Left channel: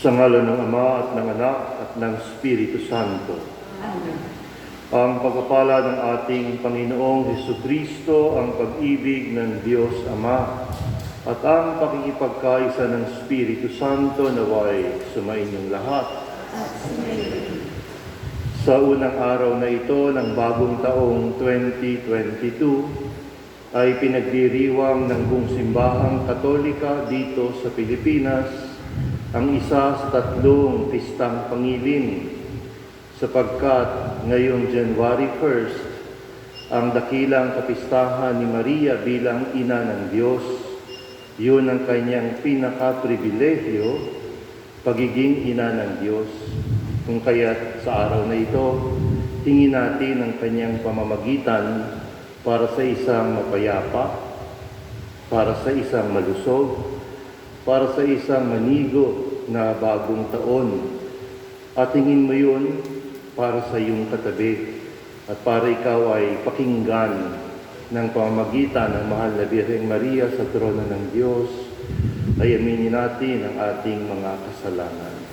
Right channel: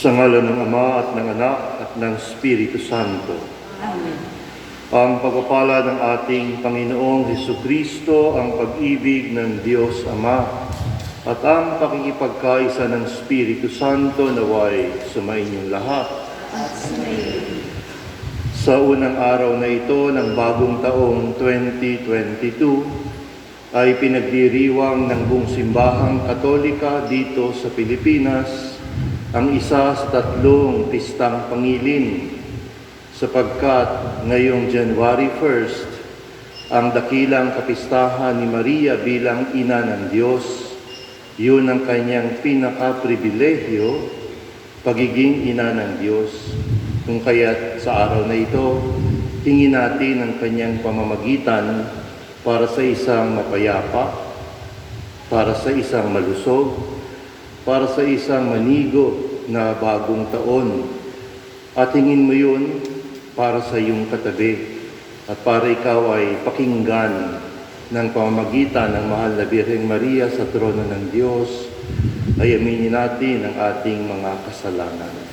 Sa ngalan ng Ama at ng Anak at ng Espiritu Santo. Amen. Ang pagpapala ng ating Panginoong Hesukristo, ang pag-ibig ng Diyos Ama, at ang pakikipagkaisa ng Espiritu Santo naway sumainyong lahat. At sumayin. Sa unang araw na ito ng bagong taong 2022, ay pinagdiriwang ng buong simbahang Katolika dito sa Pilipinas ang isa sa tatlong pistang pangilin, sapagkat ngayong January 1st, ang dakilang kapistahan ni Maria bilang ina ng Diyos, yun ang kanyang pinaka-pribilehyo, pagiging ina ng Diyos. Kung kaya't sa araw na ito, hingin natin ang kanyang pamamagitan para sa isang mapayapa, para sa isang malusog, para sa isang manigo na bagong taon. At hingin mo yun para sa iyong katabi at para ikaw ay pakinggan ng pamamagitan ng mahal na Birheng Maria sa trono ng Diyos, ay aminin natin ang ating mga kasalanan.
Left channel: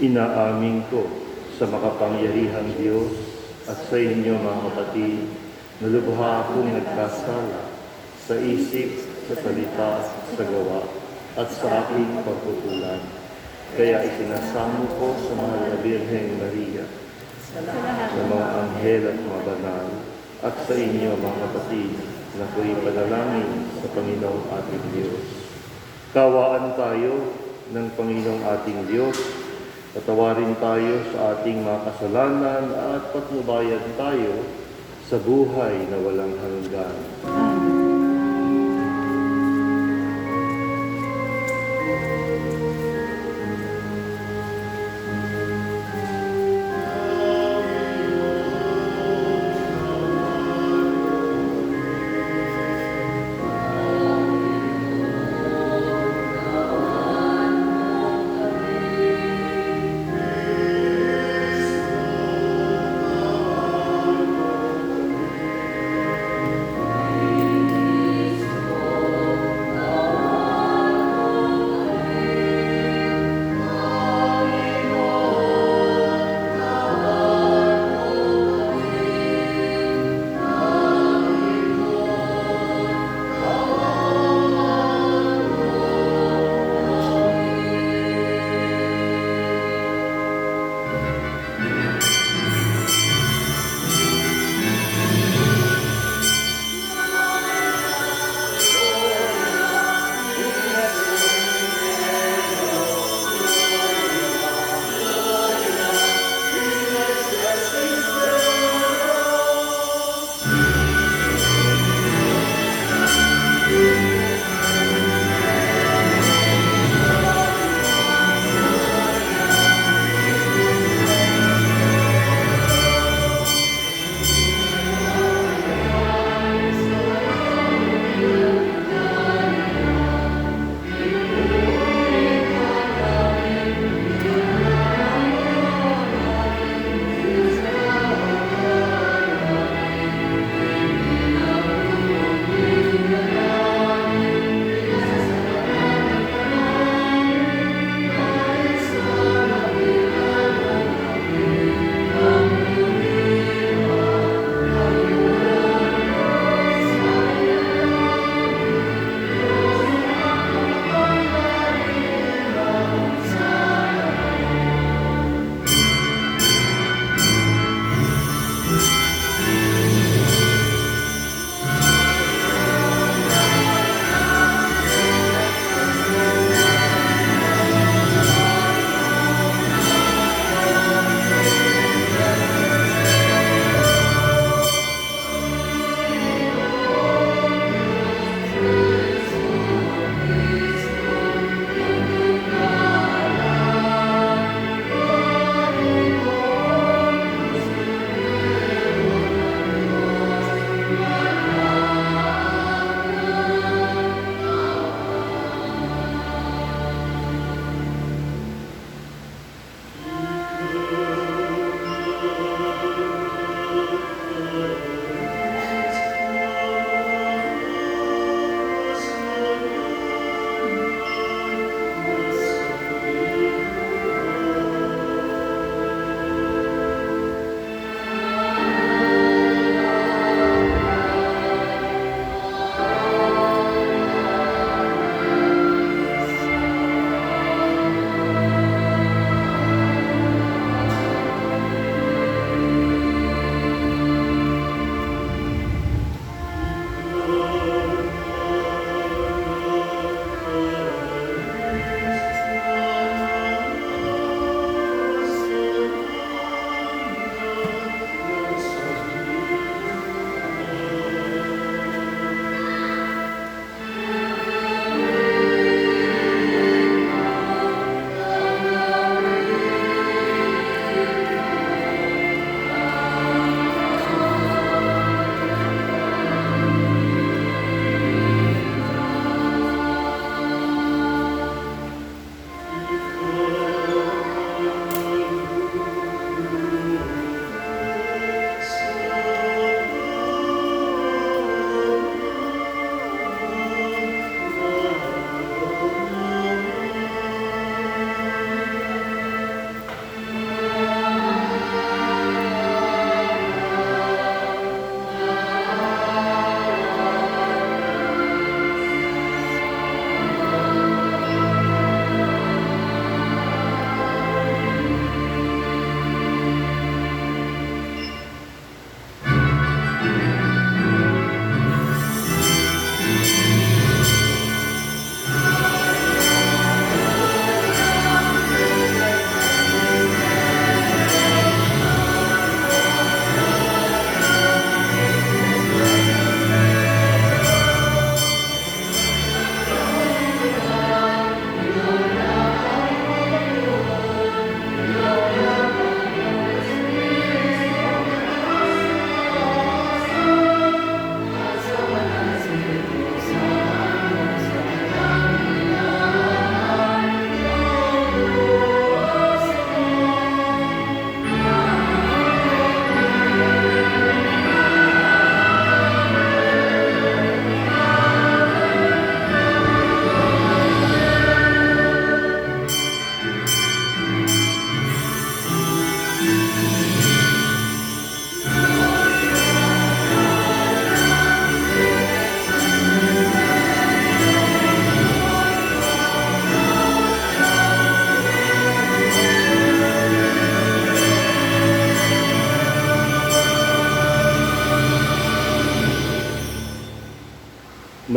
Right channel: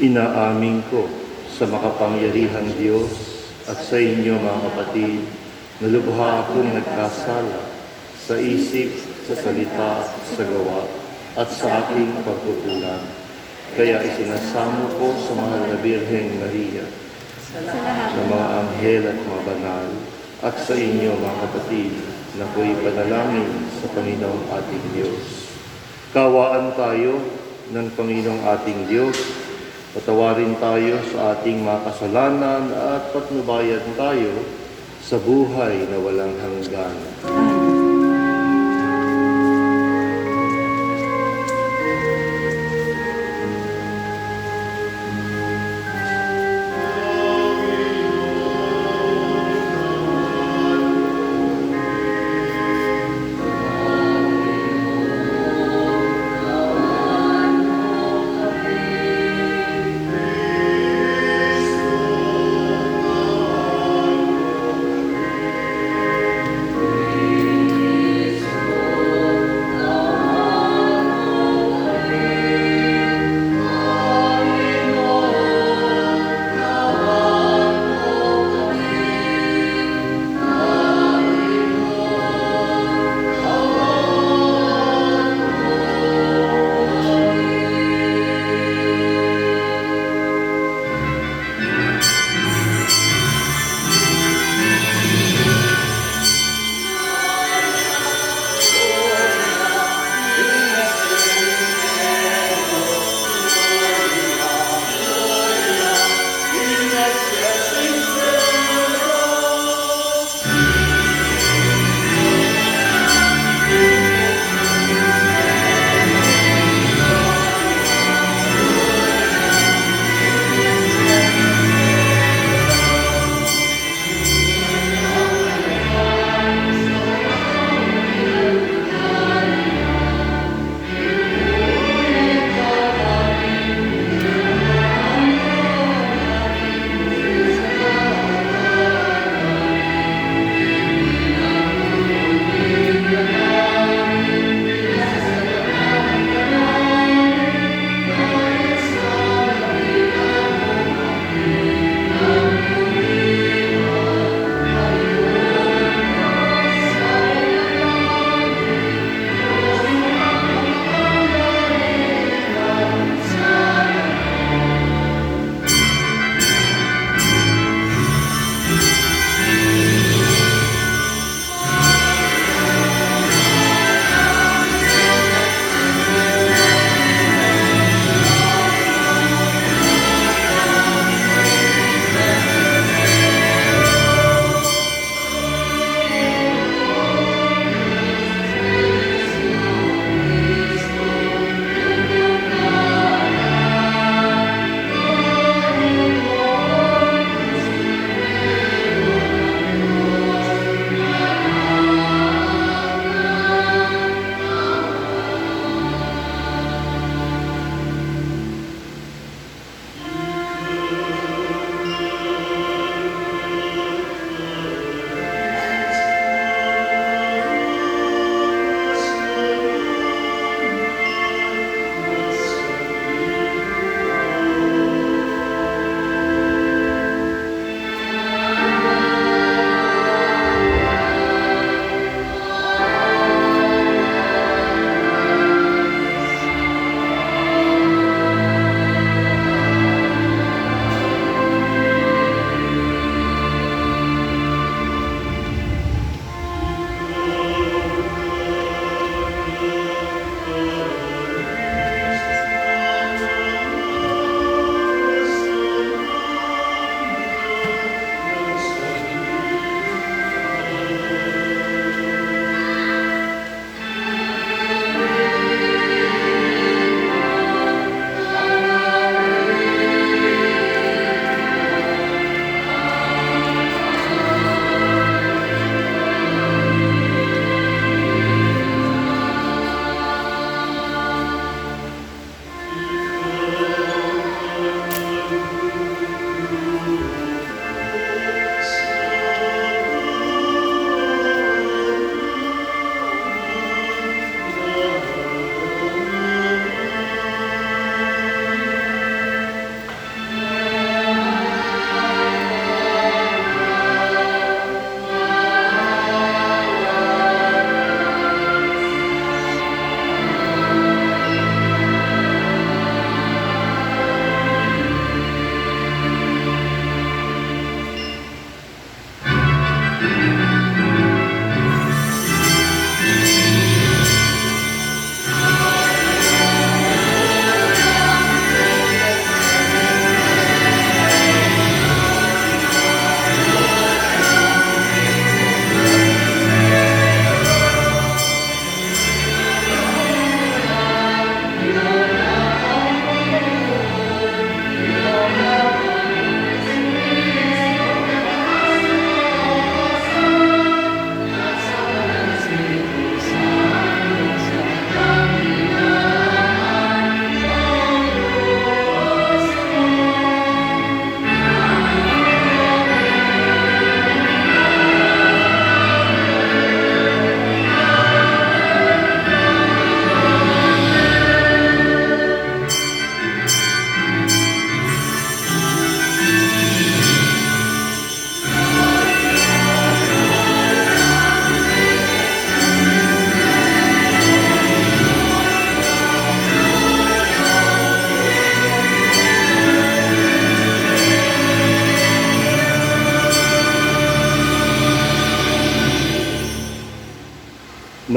Inaamin ko sa makapangyarihang Diyos at sa inyo mga kapatid, na lubha akong nagkasala sa isip, sa salita, sa gawa, at sa aking pagkukulang. Kaya isinasamo ko sa mahal na Birheng Maria, sa mga anghel at mga banal, at sa inyo mga kapatid, na ko'y panalangin sa Panginoong ating Diyos. Kawaan tayo ng Panginoong ating Diyos, patawarin tayo sa ating mga kasalanan at patnubayan tayo sa buhay na walang hanggan.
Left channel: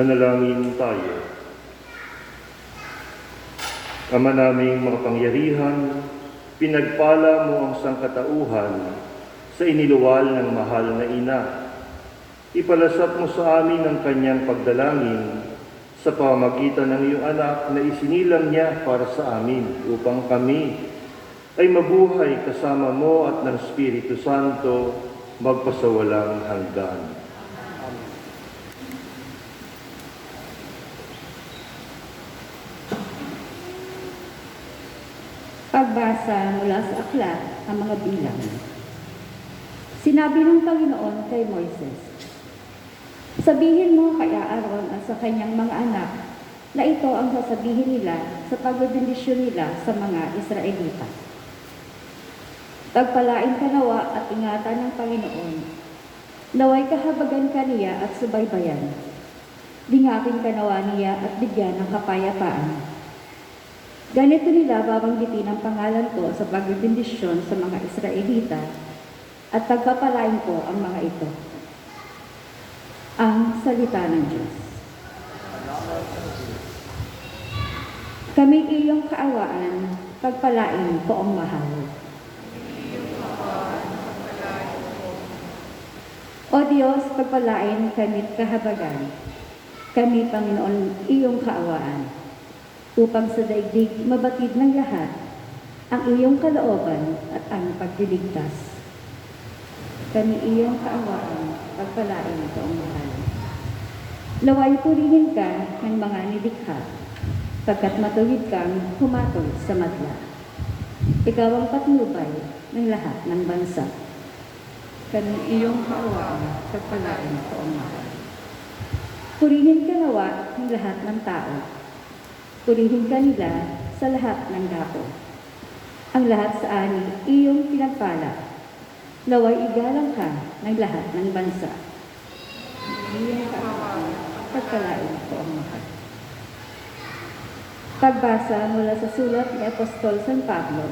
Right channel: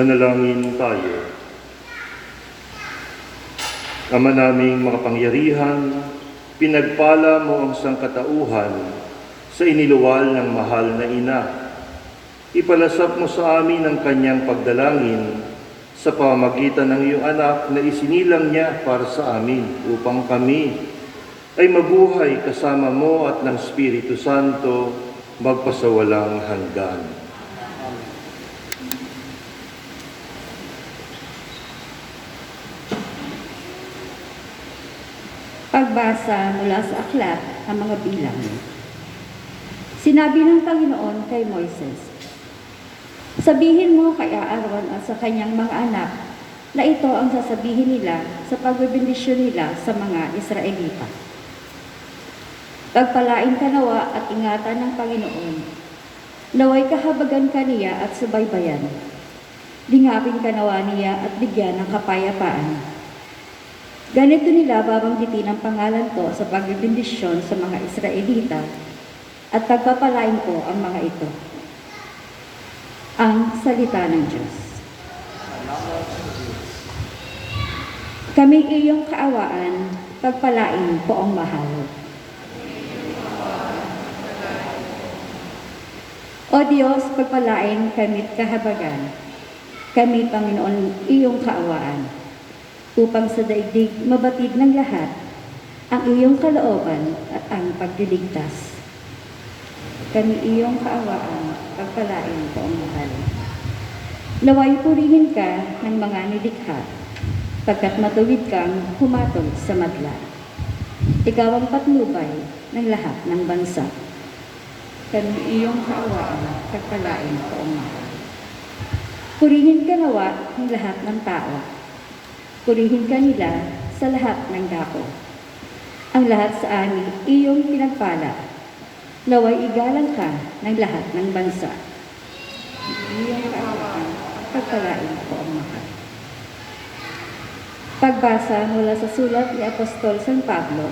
Manalangin tayo. Ama naming makapangyarihan, pinagpala mo ang sangkatauhan sa iniluwal ng mahal na ina. Ipalasap mo sa amin ang kanyang pagdalangin sa pamamagitan ng iyong anak na isinilang niya para sa amin upang kami ay mabuhay kasama mo at ng Espiritu Santo magpasawalang hanggan. Pagbasa mula sa aklat ng mga bilang. Sinabi ng Panginoon kay Moises, sabihin mo kay Aaron at sa kanyang mga anak na ito ang sasabihin nila sa pagbibindisyon nila sa mga Israelita. Pagpalain ka nawa at ingatan ng Panginoon. Naway kahabagan ka niya at subaybayan. Lingapin ka nawa niya at bigyan ng kapayapaan. Ganito nila babanggitin ang pangalan ko sa pagbibindisyon sa mga Israelita at pagpapalain ko ang mga ito. Ang salita ng Diyos. Kami iyong kaawaan, pagpalain ko ang mahal. O Diyos, pagpalain kami't kahabagan. Kami, Panginoon, iyong kaawaan. Upang sa daigdig mabatid ng lahat ang iyong kalooban at ang pagliligtas. Kami iyong kaawaan, pagpalain ko ang mahal. Naway purihin ka ng mga nilikha, pagkat matuwid kang humatol sa madla. Ikaw ang patnubay ng lahat ng bansa. Kami iyong kaawaan, pagpalain ko ang mahal. Purihin ka nawa ng lahat ng tao. Purihin ka nila sa lahat ng dako. Ang lahat sa amin iyong pinagpala. Naway igalang ka ng lahat ng bansa. Iyong kaawaan, pagpalain ko ang mahal. Pagbasa mula sa sulat ni Apostol San Pablo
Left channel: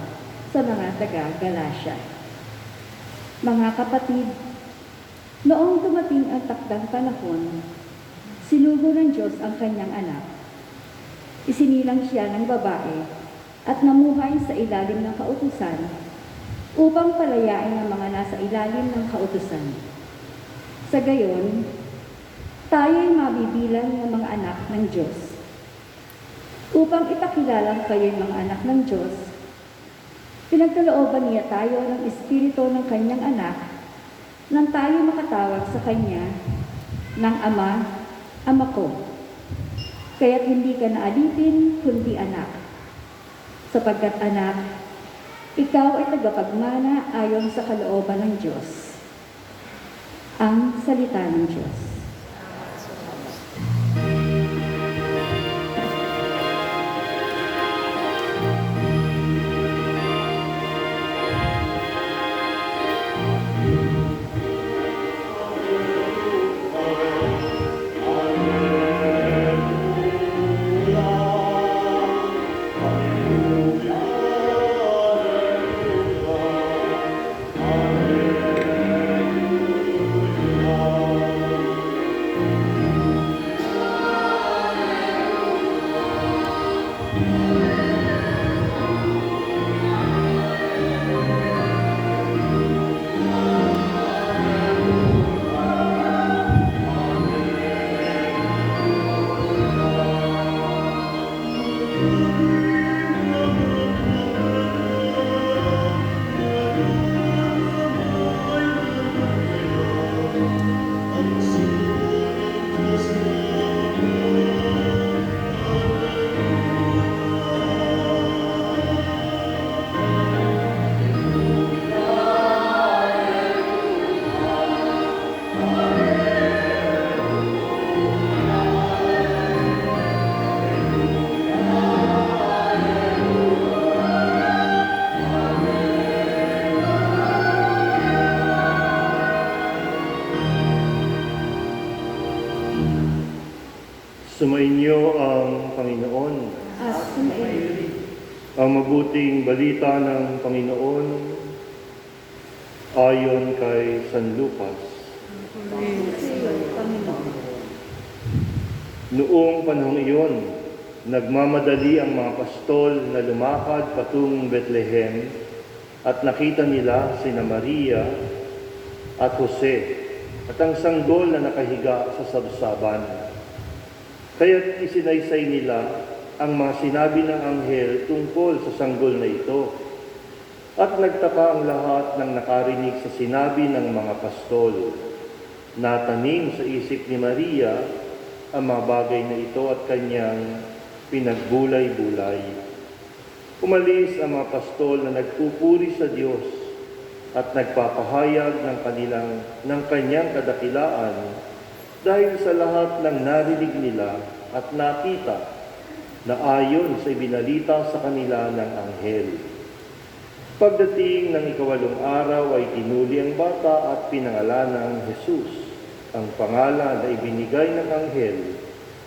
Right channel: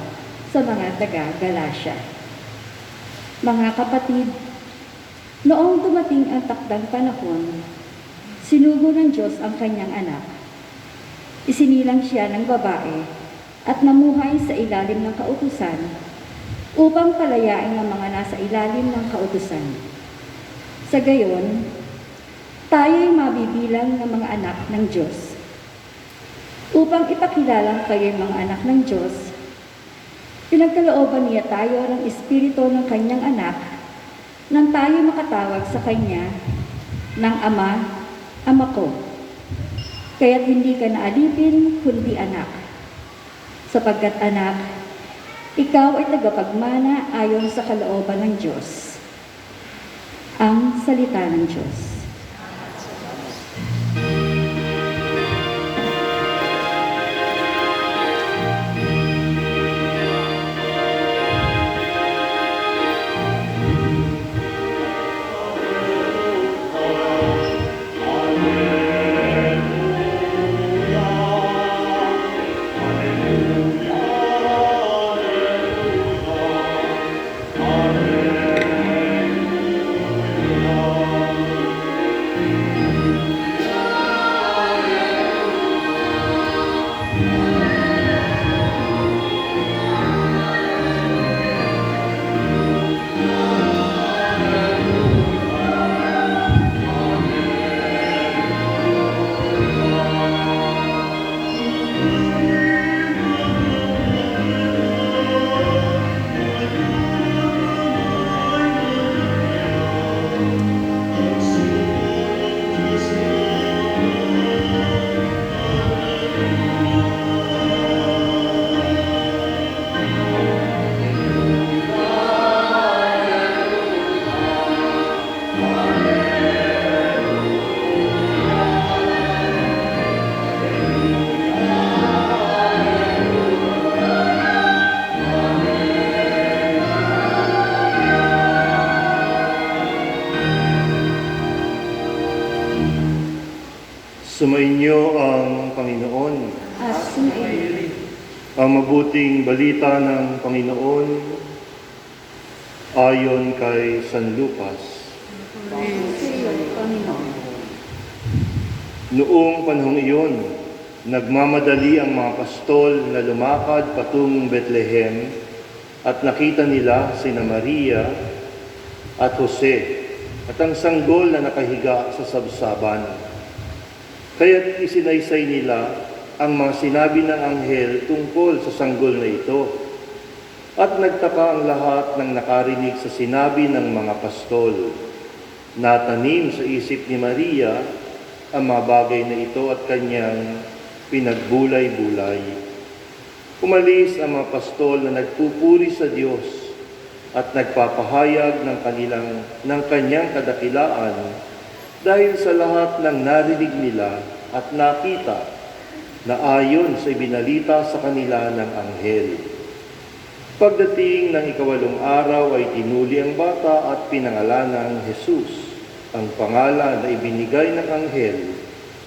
sa mga taga-Galacia. Mga kapatid, noong dumating ang takdang panahon, sinugo ng Diyos ang kanyang anak. Isinilang siya ng babae at namuhay sa ilalim ng kautusan upang palayain ang mga nasa ilalim ng kautusan. Sa gayon, tayo'y mabibilang ng mga anak ng Diyos. Upang ipakilala kayo'y mga anak ng Diyos, pinagkalooban niya tayo ng Espiritu ng kanyang anak nang tayo makatawag sa kanya ng Ama, Ama ko. Kaya't hindi ka naalipin, kundi anak. Sapagkat anak, ikaw ay tagapagmana ayon sa kalooban ng Diyos. Ang salita ng Diyos. Sumainyo ang Panginoon. At sumayin. Ang mabuting balita ng Panginoon ayon kay San Lucas. Purihin sa iyo, Panginoon. Noong panahong iyon, nagmamadali ang mga pastol na lumakad patungong Bethlehem at nakita nila sina Maria at Jose at ang sanggol na nakahiga sa sabsaban. Kaya't isinaysay nila ang mga sinabi ng anghel tungkol sa sanggol na ito. At nagtaka ang lahat ng nakarinig sa sinabi ng mga pastol. Natanim sa isip ni Maria ang mga bagay na ito at kanyang pinagbulay-bulay. Umalis ang mga pastol na nagpupuri sa Diyos at nagpapahayag ng kanyang kadakilaan dahil sa lahat ng narinig nila at nakita na ayon sa ibinalita sa kanila ng anghel. Pagdating ng ikawalong araw ay tinuli ang bata at pinangalanan ng Jesus, ang pangalan na ibinigay ng anghel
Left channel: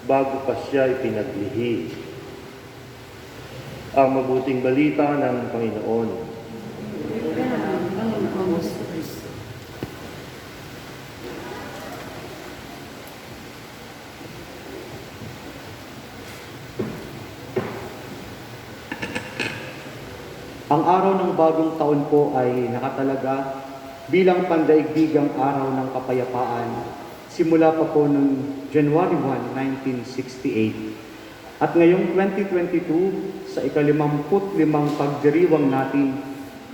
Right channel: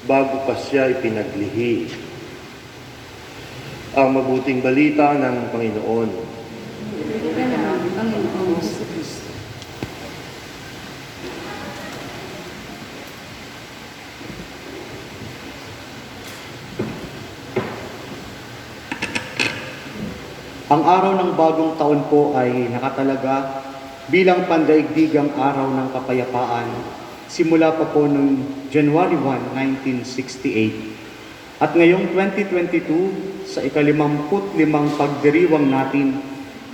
bago pa siya ipinaglihi. Ang mabuting balita ng Panginoon. Ang araw ng bagong taon po ay nakatalaga bilang pandaigdigang araw ng kapayapaan simula pa po noong January 1, 1968. At ngayong 2022, sa ika-55 pagdiriwang natin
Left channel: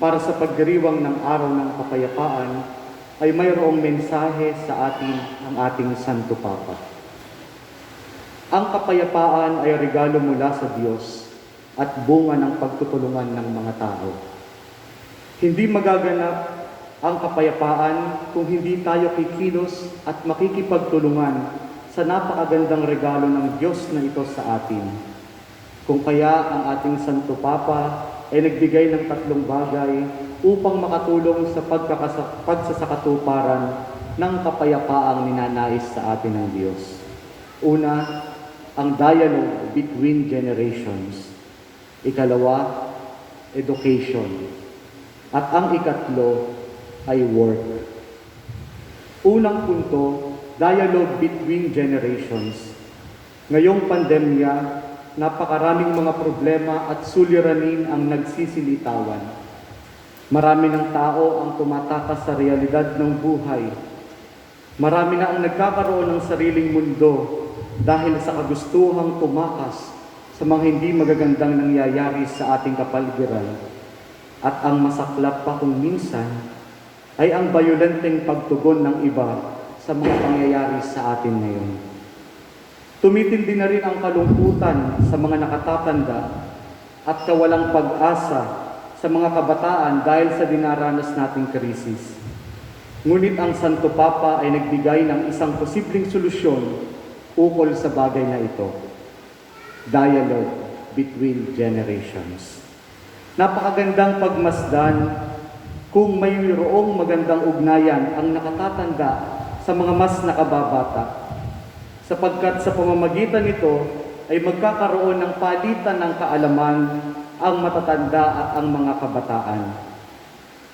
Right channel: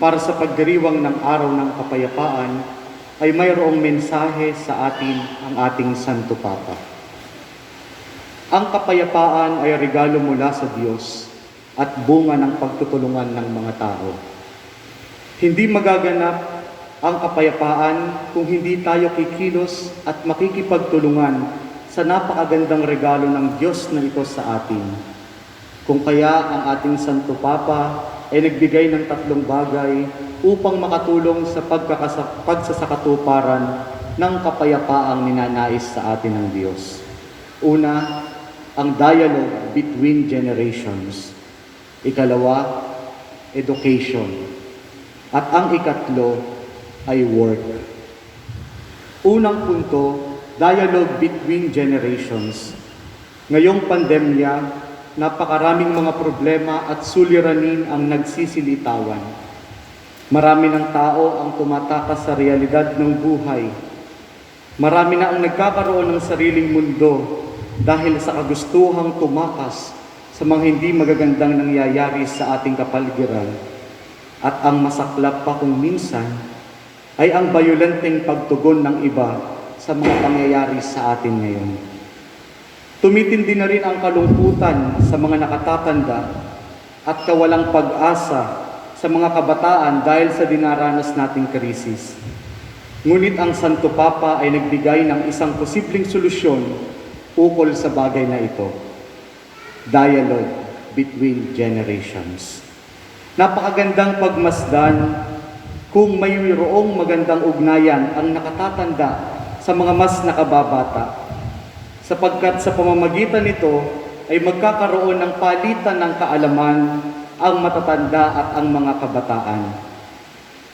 para sa pagdiriwang ng araw ng kapayapaan, ay mayroong mensahe sa atin ang ating Santo Papa. Ang kapayapaan ay regalo mula sa Diyos at bunga ng pagtutulungan ng mga tao. Hindi magaganap ang kapayapaan kung hindi tayo kikilos at makikipagtulungan sa napakagandang regalo ng Diyos na ito sa atin. Kung kaya ang ating Santo Papa ay nagbigay ng 3 bagay upang makatulong sa pagsasakatuparan ng kapayapaang ninanais sa atin ng Diyos. Una, ang dialogue between generations. Ikalawa, education. At ang ikatlo ay work. Unang punto, dialogue between generations. Ngayong pandemya, napakaraming mga problema at suliranin ang nagsisilitawan. Marami ng tao ang tumatakas sa realidad ng buhay. Marami na ang nagkakaroon ng sariling mundo dahil sa kagustuhang tumakas sa mga hindi magagandang nangyayari sa ating kapaligiran. At ang masaklap pa kung minsan ay ang bayolenteng pagtugon ng iba sa mga pangyayari sa atin ngayon. Tumitindi na rin ang kalungkutan sa mga nakatatanda at kawalang pag-asa sa mga kabataan dahil sa dinaranas nating krisis. Ngunit ang Santo Papa ay nagbigay ng isang posibleng solusyon ukol sa bagay na ito. Dialogue between generations. Napakagandang pagmasdan kung mayroong magandang ugnayan ang nakatatanda sa mga mas nakababata, sapagkat sa pamamagitan nito ay magkakaroon ng palitan ng kaalaman ang matatanda at ang mga kabataan.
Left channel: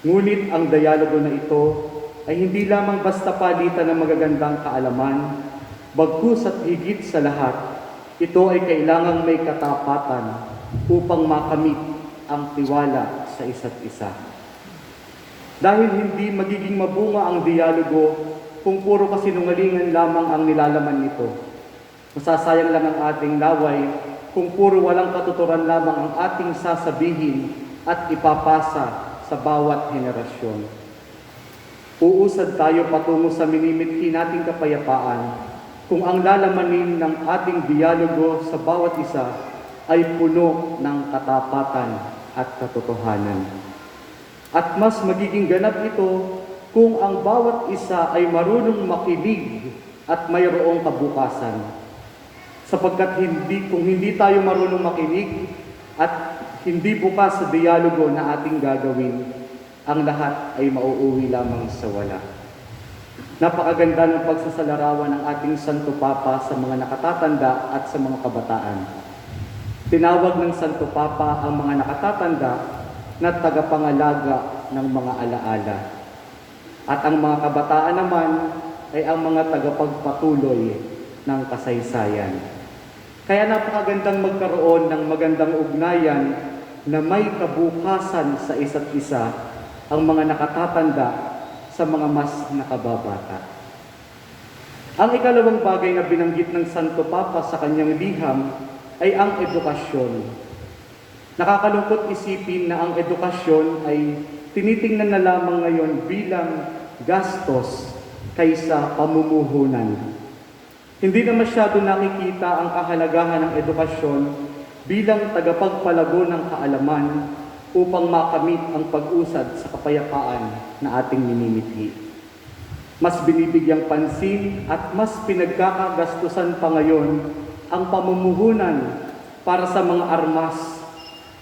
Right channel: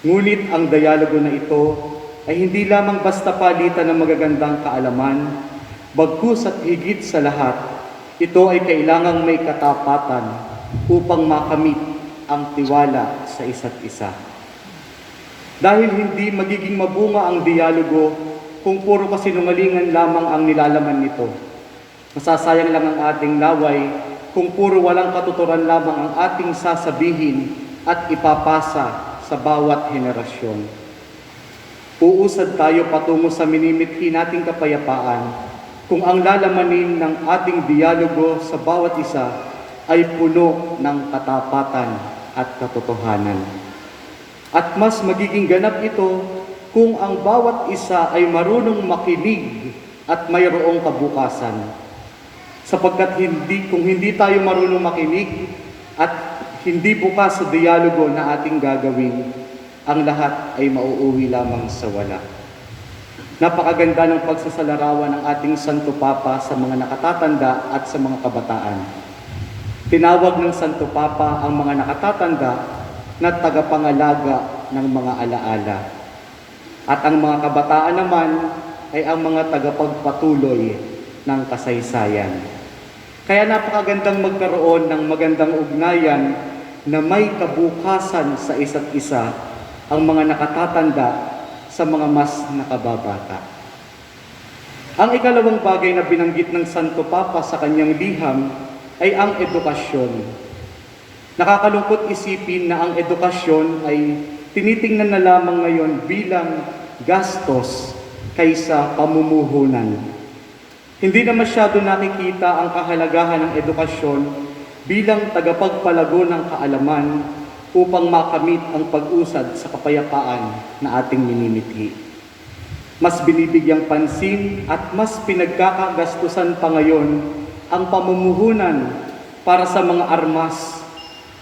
Ngunit ang dialogo na ito ay hindi lamang basta palitan ng magagandang kaalaman, bagkus at higit sa lahat, ito ay kailangang may katapatan upang makamit ang tiwala sa isa't isa. Dahil hindi magiging mabunga ang dialogo kung puro kasinungalingan lamang ang nilalaman nito. Masasayang lang ang ating laway kung puro walang katuturan lamang ang ating sasabihin at ipapasa sa bawat henerasyon. Uusad tayo patungo sa minimithi nating kapayapaan kung ang lalamanin ng ating dialogo sa bawat isa ay puno ng katapatan at katotohanan. At mas magiging ganap ito kung ang bawat isa ay marunong makinig at mayroong kabukasan. Sapagkat kung hindi tayo marunong makinig at hindi bukas sa dialogo na ating gagawin, ang lahat ay mauuwi lamang sa wala. Napakaganda ng pagsasalarawan ng ating Santo Papa sa mga nakatatanda at sa mga kabataan. Tinawag ng Santo Papa ang mga nakatatanda na tagapangalaga ng mga alaala. At ang mga kabataan naman ay ang mga tagapagpatuloy ng kasaysayan. Kaya napakagandang magkaroon ng magandang ugnayan na may kabukasan sa isa't isa ang mga nakatatanda sa mga mas nakababata. Ang ikalawang bagay na binanggit ng Santo Papa sa kanyang liham ay ang edukasyon. Nakakalungkot isipin na ang edukasyon ay tinitingnan na lamang ngayon bilang gastos kaysa pamumuhunan. Hindi na masyado nakikita ang kahalagahan ng edukasyon bilang tagapagpalago ng kaalaman upang makamit ang pag-usad sa kapayapaan na ating minimithi. Mas binibigyang pansin at mas pinagkakagastusan pa ngayon ang pamumuhunan para sa mga armas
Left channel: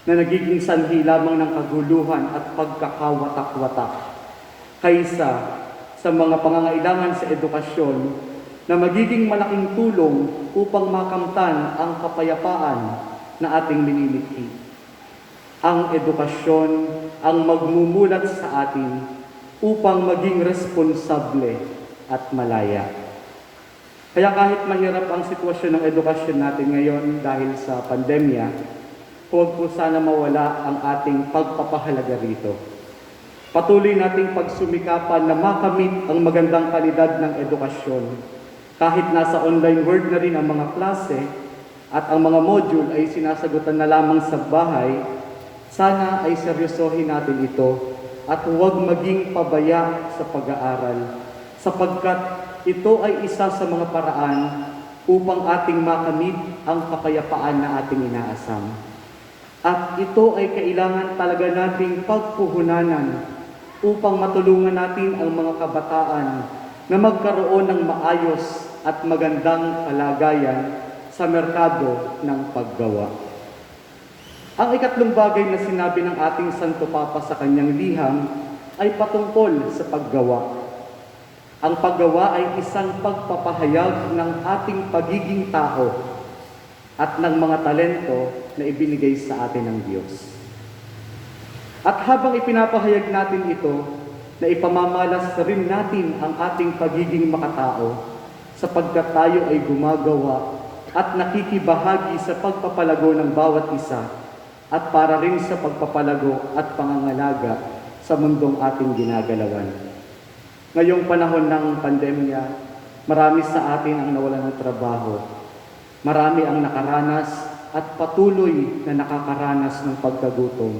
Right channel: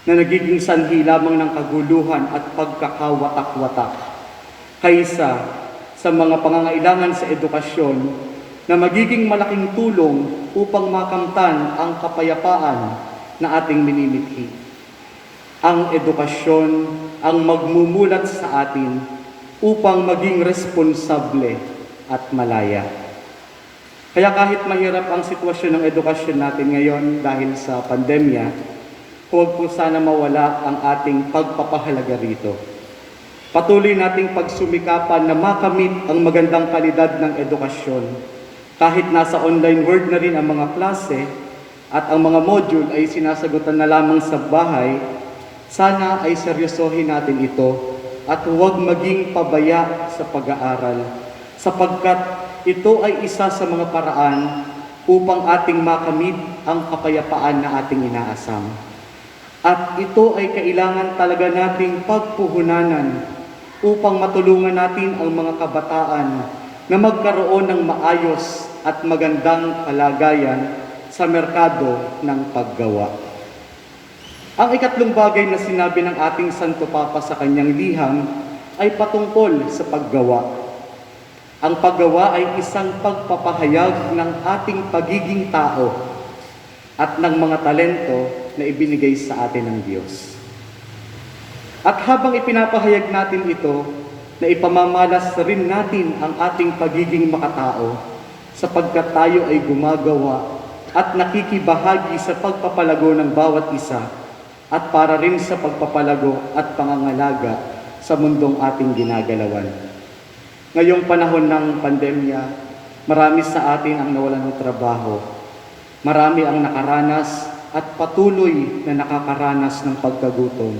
na nagiging sanhi lamang ng kaguluhan at pagkakawatak-watak kaysa sa mga pangangailangan sa edukasyon na magiging malaking tulong upang makamtan ang kapayapaan na ating minimithi. Ang edukasyon ang magmumulat sa atin upang maging responsable at malaya. Kaya kahit mahirap ang sitwasyon ng edukasyon natin ngayon dahil sa pandemya, huwag po sana mawala ang ating pagpapahalaga rito. Patuloy nating pagsumikapan na makamit ang magandang kalidad ng edukasyon. Kahit nasa online world na rin ang mga klase at ang mga module ay sinasagutan na lamang sa bahay, sana ay seryosohin natin ito at huwag maging pabaya sa pag-aaral sapagkat ito ay isa sa mga paraan upang ating makamit ang kapayapaan na ating inaasam. At ito ay kailangan talaga nating pagpuhunanan upang matulungan natin ang mga kabataan na magkaroon ng maayos at magandang kalagayan sa merkado ng paggawa. Ang ikatlong bagay na sinabi ng ating Santo Papa sa kanyang liham ay patungkol sa paggawa. Ang paggawa ay isang pagpapahayag ng ating pagiging tao at ng mga talento na ibinigay sa atin ng Diyos. At habang ipinapahayag natin ito, na ipamamalas rin natin ang ating pagiging makatao sapagkat tayo ay gumagawa at nakikibahagi sa pagpapalago ng bawat isa at para rin sa pagpapalago at pangangalaga sa mundong ating ginagalawan. Ngayong panahon ng pandemya, marami sa atin ang nawalan ng trabaho. Marami ang nakaranas at patuloy na nakakaranas ng pagkagutom.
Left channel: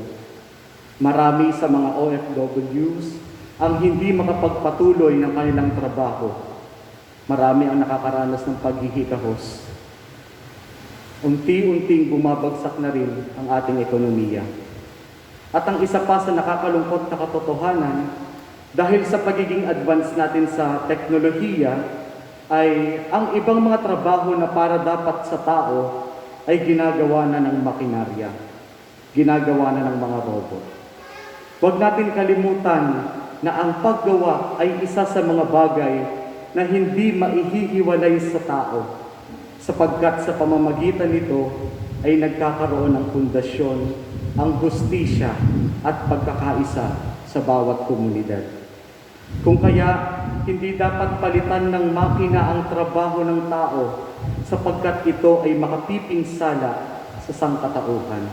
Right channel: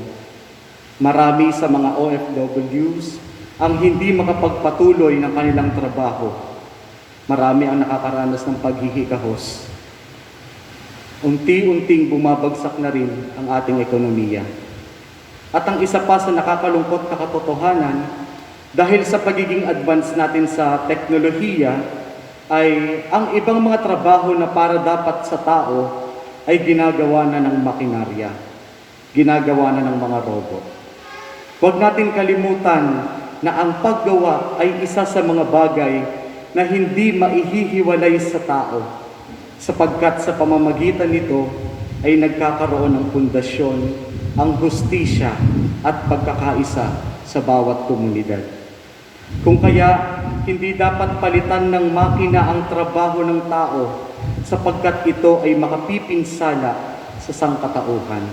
Marami sa mga OFWs ang hindi makapagpatuloy ng kanilang trabaho. Marami ang nakakaranas ng paghihikahos. Unti-unting bumabagsak na rin ang ating ekonomiya. At ang isa pa sa nakakalungkot na katotohanan, dahil sa pagiging advance natin sa teknolohiya, ay ang ibang mga trabaho na para dapat sa tao ay ginagawa na ng makinarya, ginagawa na ng mga robot. Huwag natin kalimutan na ang paggawa ay isa sa mga bagay na hindi maihihiwalay sa tao, sapagkat sa pamamagitan nito ay nagkakaroon ng pundasyon ang hustisya at pagkakaisa sa bawat komunidad. Kung kaya, hindi dapat palitan ng makina ang trabaho ng tao sapagkat ito ay makapipinsala sa sangkatauhan.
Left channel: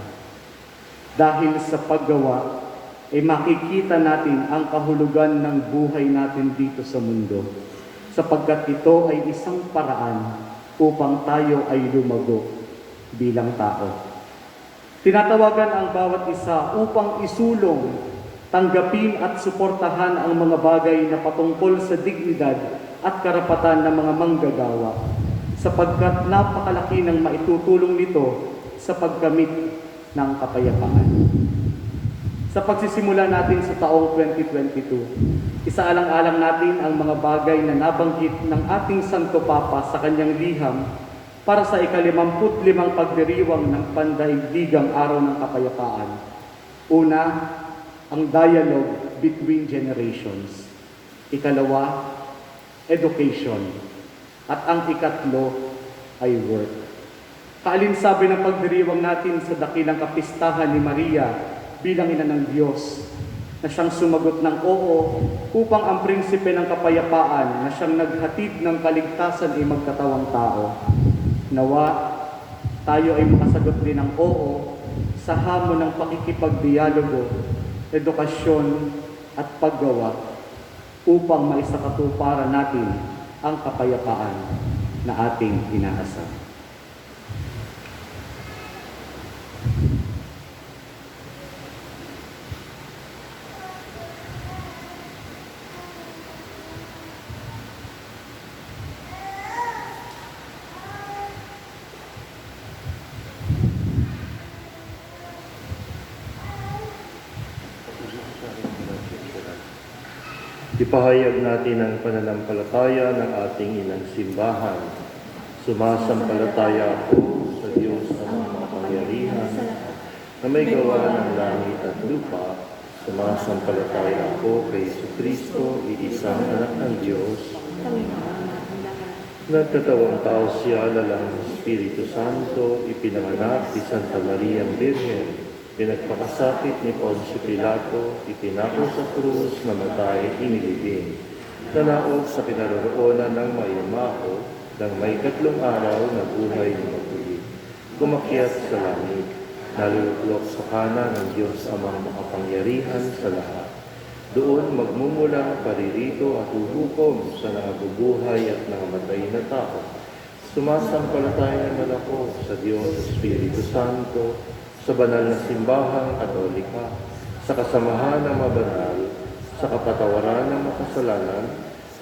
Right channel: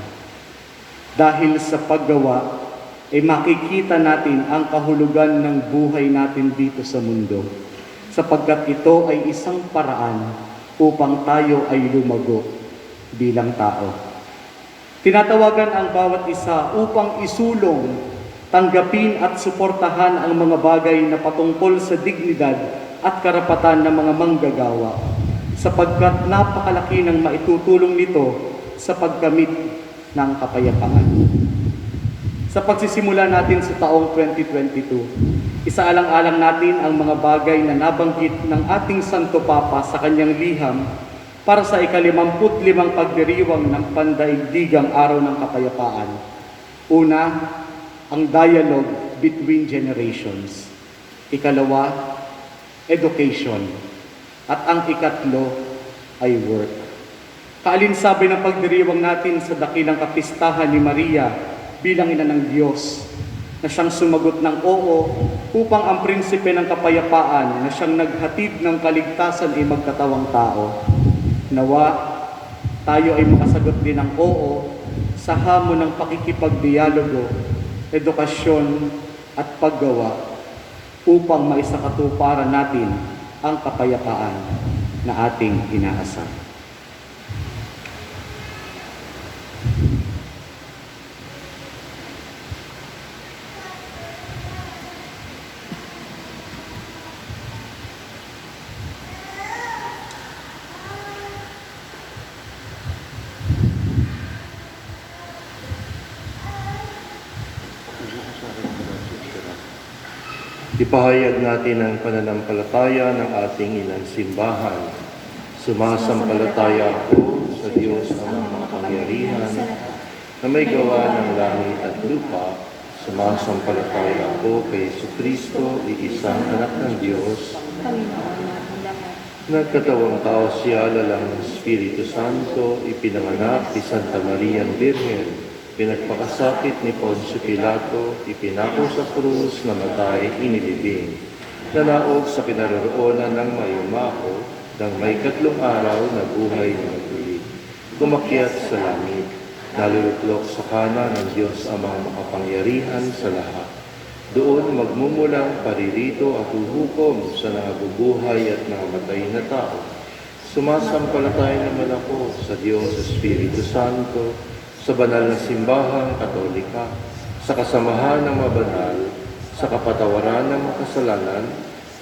Dahil sa paggawa, ay makikita natin ang kahulugan ng buhay natin dito sa mundo sapagkat ito ay isang paraan upang tayo ay lumago bilang tao. Tinatawagan ang bawat isa upang isulong, tanggapin at suportahan ang mga bagay na patungkol sa dignidad at karapatan ng mga manggagawa, sapagkat napakalaki ng maitutulong nito sa pagkamit ng kapayapaan. Sa pagsisimula natin sa taong 2022, isaalang-alang natin ang mga bagay na nabanggit ng ating Santo Papa sa kanyang liham para sa ika-55 pagdiriwang ng Pandaigdigang Araw ng Kapayapaan. Una, ang dialogue between generations. Ikalawa, education. At ang ikatlo ay work. Kaalinsabi ng pagdiriwang natin sa dakilang kapistahan ni Maria bilang ina ng Diyos na siyang sumagot ng oo upang ang prinsipe ng kapayapaan na siyang naghatid ng kaligtasan ay magkatawang tao. Nawa, tayo ay makasagot din ng oo sa hamon ng pakikipagdialogo, edukasyon at paggawa upang maisakatuparan natin ang kapayapaan na ating inaasam. Ipahayag natin ang pananampalataya ng ating inang simbahan. Sumasampalataya ako sa Diyos ang makapangyarihan na may gawa ng langit at lupa. Sumasampalataya ako kay Jesucristo, iisang anak ng Diyos. Nagkatawang tao siya, lalang ng Espiritu Santo, ipinanganak ni Santa Maria Virgen. Pinagpakasakit ni Poncio Pilato, ipinako sa krus, namatay, inilibing. Nanaog sa kinaroroonan ng mayumaho, nang may 3 araw na buhay na maguli. Kumakyat sa langit, naluluklok sa kanan ng Diyos amang makapangyarihan sa lahat. Doon magmumulang paririto at huhukom sa nangabubuhay at nangamatay na tao. Sumasampalataya naman ako sa Diyos sa Espiritu Santo, sa banal na simbahang Katolika, sa kasamahan ng mga banal, sa kapatawaran ng makasalanan,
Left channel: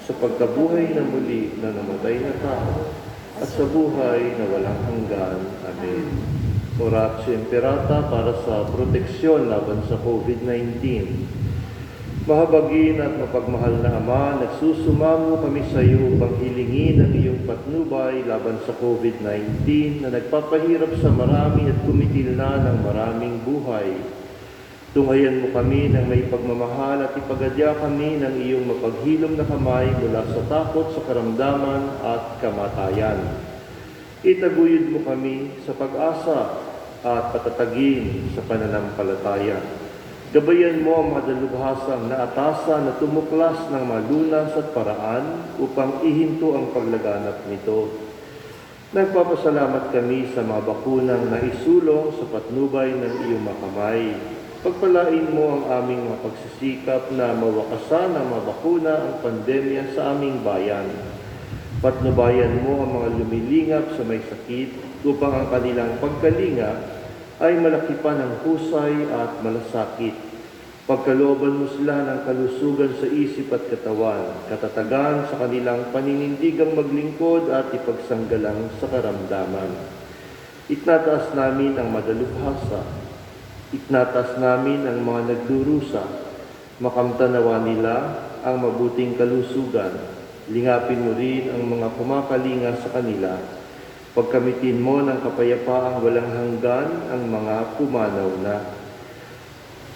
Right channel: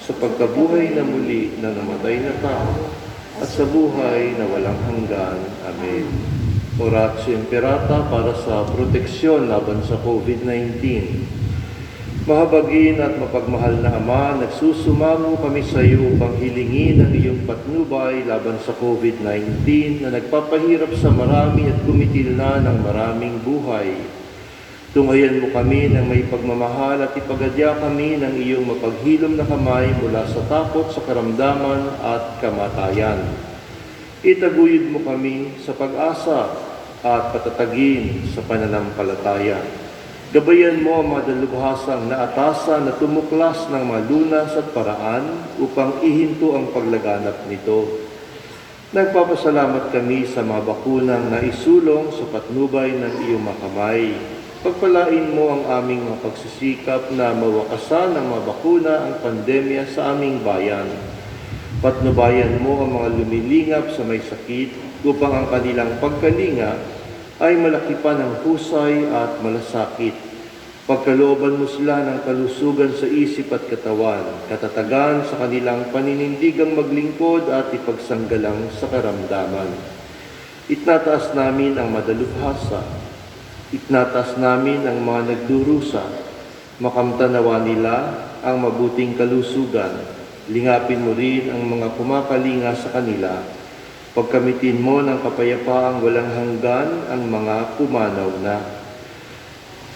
sa pagkabuhay na muli ng namatay na tao, at sa buhay na walang hanggan. Amen. Oratio Imperata para sa proteksyon laban sa COVID-19. Mahabagin at mapagmahal na Ama, nagsusumamo kami sa iyo upang hilingin ang iyong patnubay laban sa COVID-19 na nagpapahirap sa marami at kumitil na ng maraming buhay. Tungayan mo kami ng may pagmamahal at ipagadya kami ng iyong mapaghilom na kamay mula sa takot, sa karamdaman at kamatayan. Itaguyod mo kami sa pag-asa at patatagin sa pananampalataya. Gabayan mo ang mga dalubhasang naatasan na tumuklas ng malunas at paraan upang ihinto ang paglaganap nito. Nagpapasalamat kami sa mga bakunang naisulong sa patnubay ng iyong makamay. Pagpalain mo ang aming mga pagsisikap na mawakasan ng mga bakuna ang pandemya sa aming bayan. Patnubayan mo ang mga lumilingap sa may sakit upang ang kanilang pagkalinga ay malaki pa ng husay at malasakit. Pagkalooban mo sila ng kalusugan sa isip at katawan, katatagan sa kanilang paninindigang maglingkod at ipagsanggalang sa karamdaman. Itnataas namin ang madalubhasa, itnataas namin ang mga nagdurusa, makamtanawa nila ang mabuting kalusugan, lingapin mo rin ang mga kumakalinga sa kanila. Pagkamitin mo ng kapayapaang walang hanggan ang mga pumanaw na.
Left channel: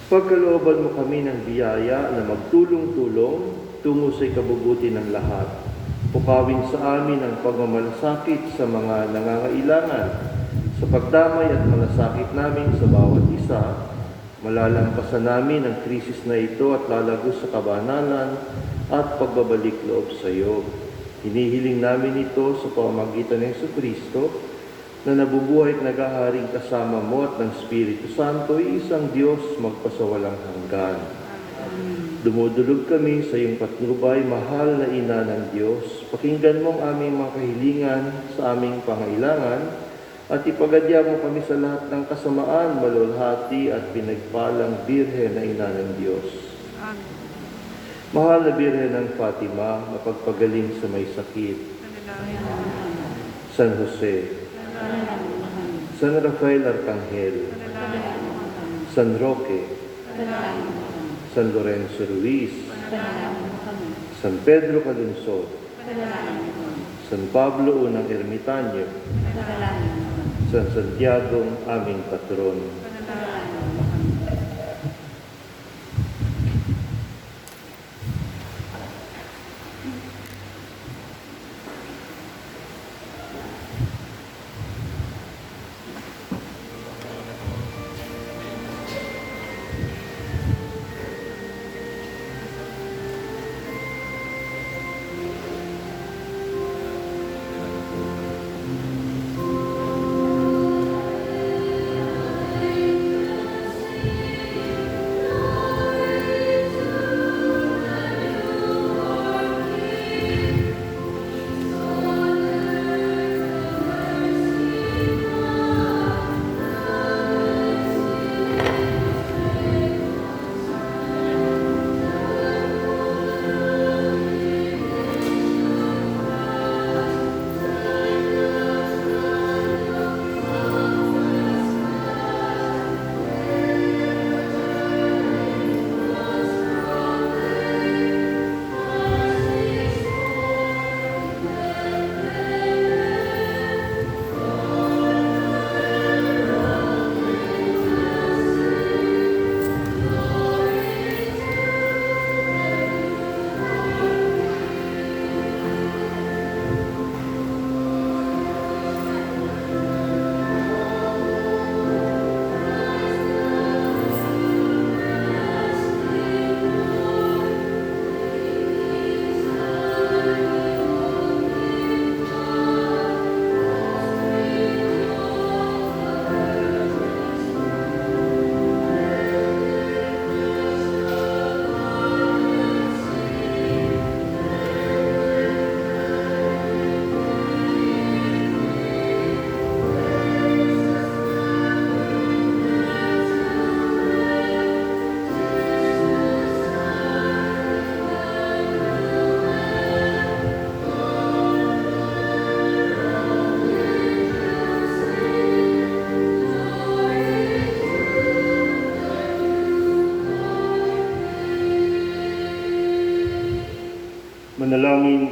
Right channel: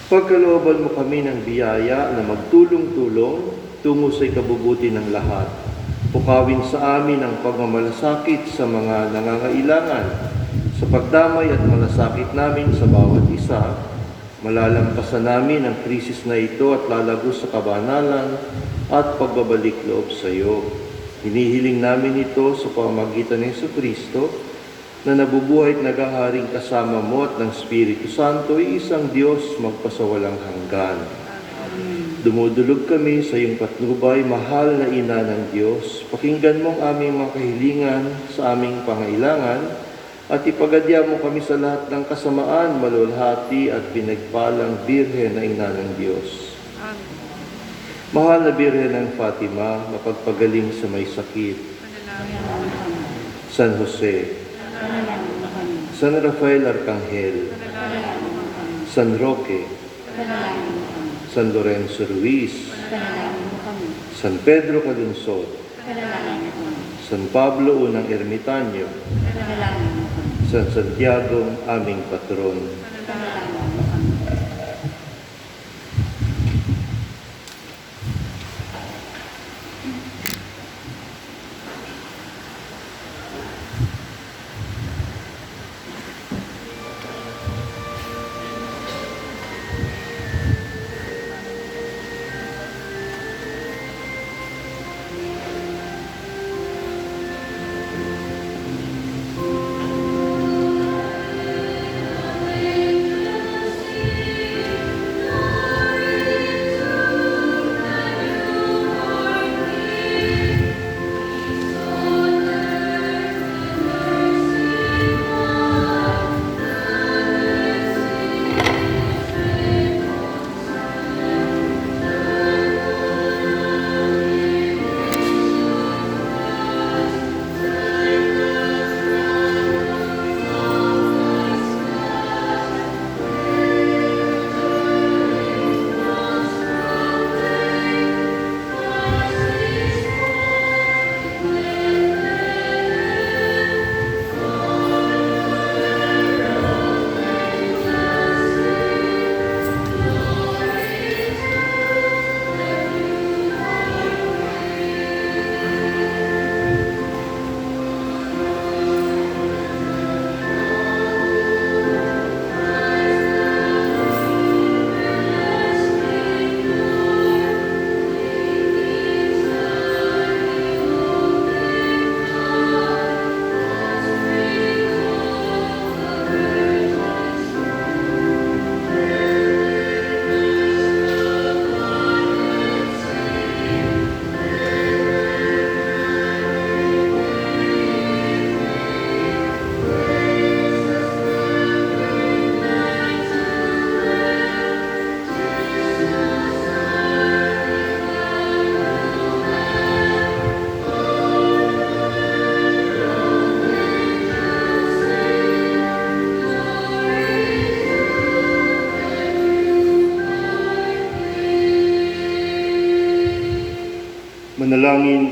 Pagkalooban mo kami ng biyaya na magtulong-tulong tungo sa ikabubuti ng lahat. Pukawin sa amin ang pagmamalasakit sa mga nangangailangan. Sa pagdamay at malasakit namin sa bawat isa, malalampasan namin ang krisis na ito at lalagos sa kabanalan at pagbabalik loob sa iyo. Hinihiling namin ito sa pamamagitan ng Jesucristo na nabubuhay at naghaharing kasama mo at ng Espiritu Santo, isang Diyos magpasawalang hanggan. Dumudulog kami sa iyong patnubay, mahal na Ina ng Diyos. Pakinggan mong aming mga kahilingan sa aming pangailangan at ipagadya mo kami sa lahat ng kasamaan, malulhati at pinagpalang Birhen na Ina ng Diyos. Amen. Mahal na Birhen ng Fatima, mapagpagaling sa may sakit. San Jose, San Rafael Arcangel, San Roque, San Lorenzo Ruiz, San Pedro Calunsod, San Pablo Unang Ermitanyo, San Santiago aming patron.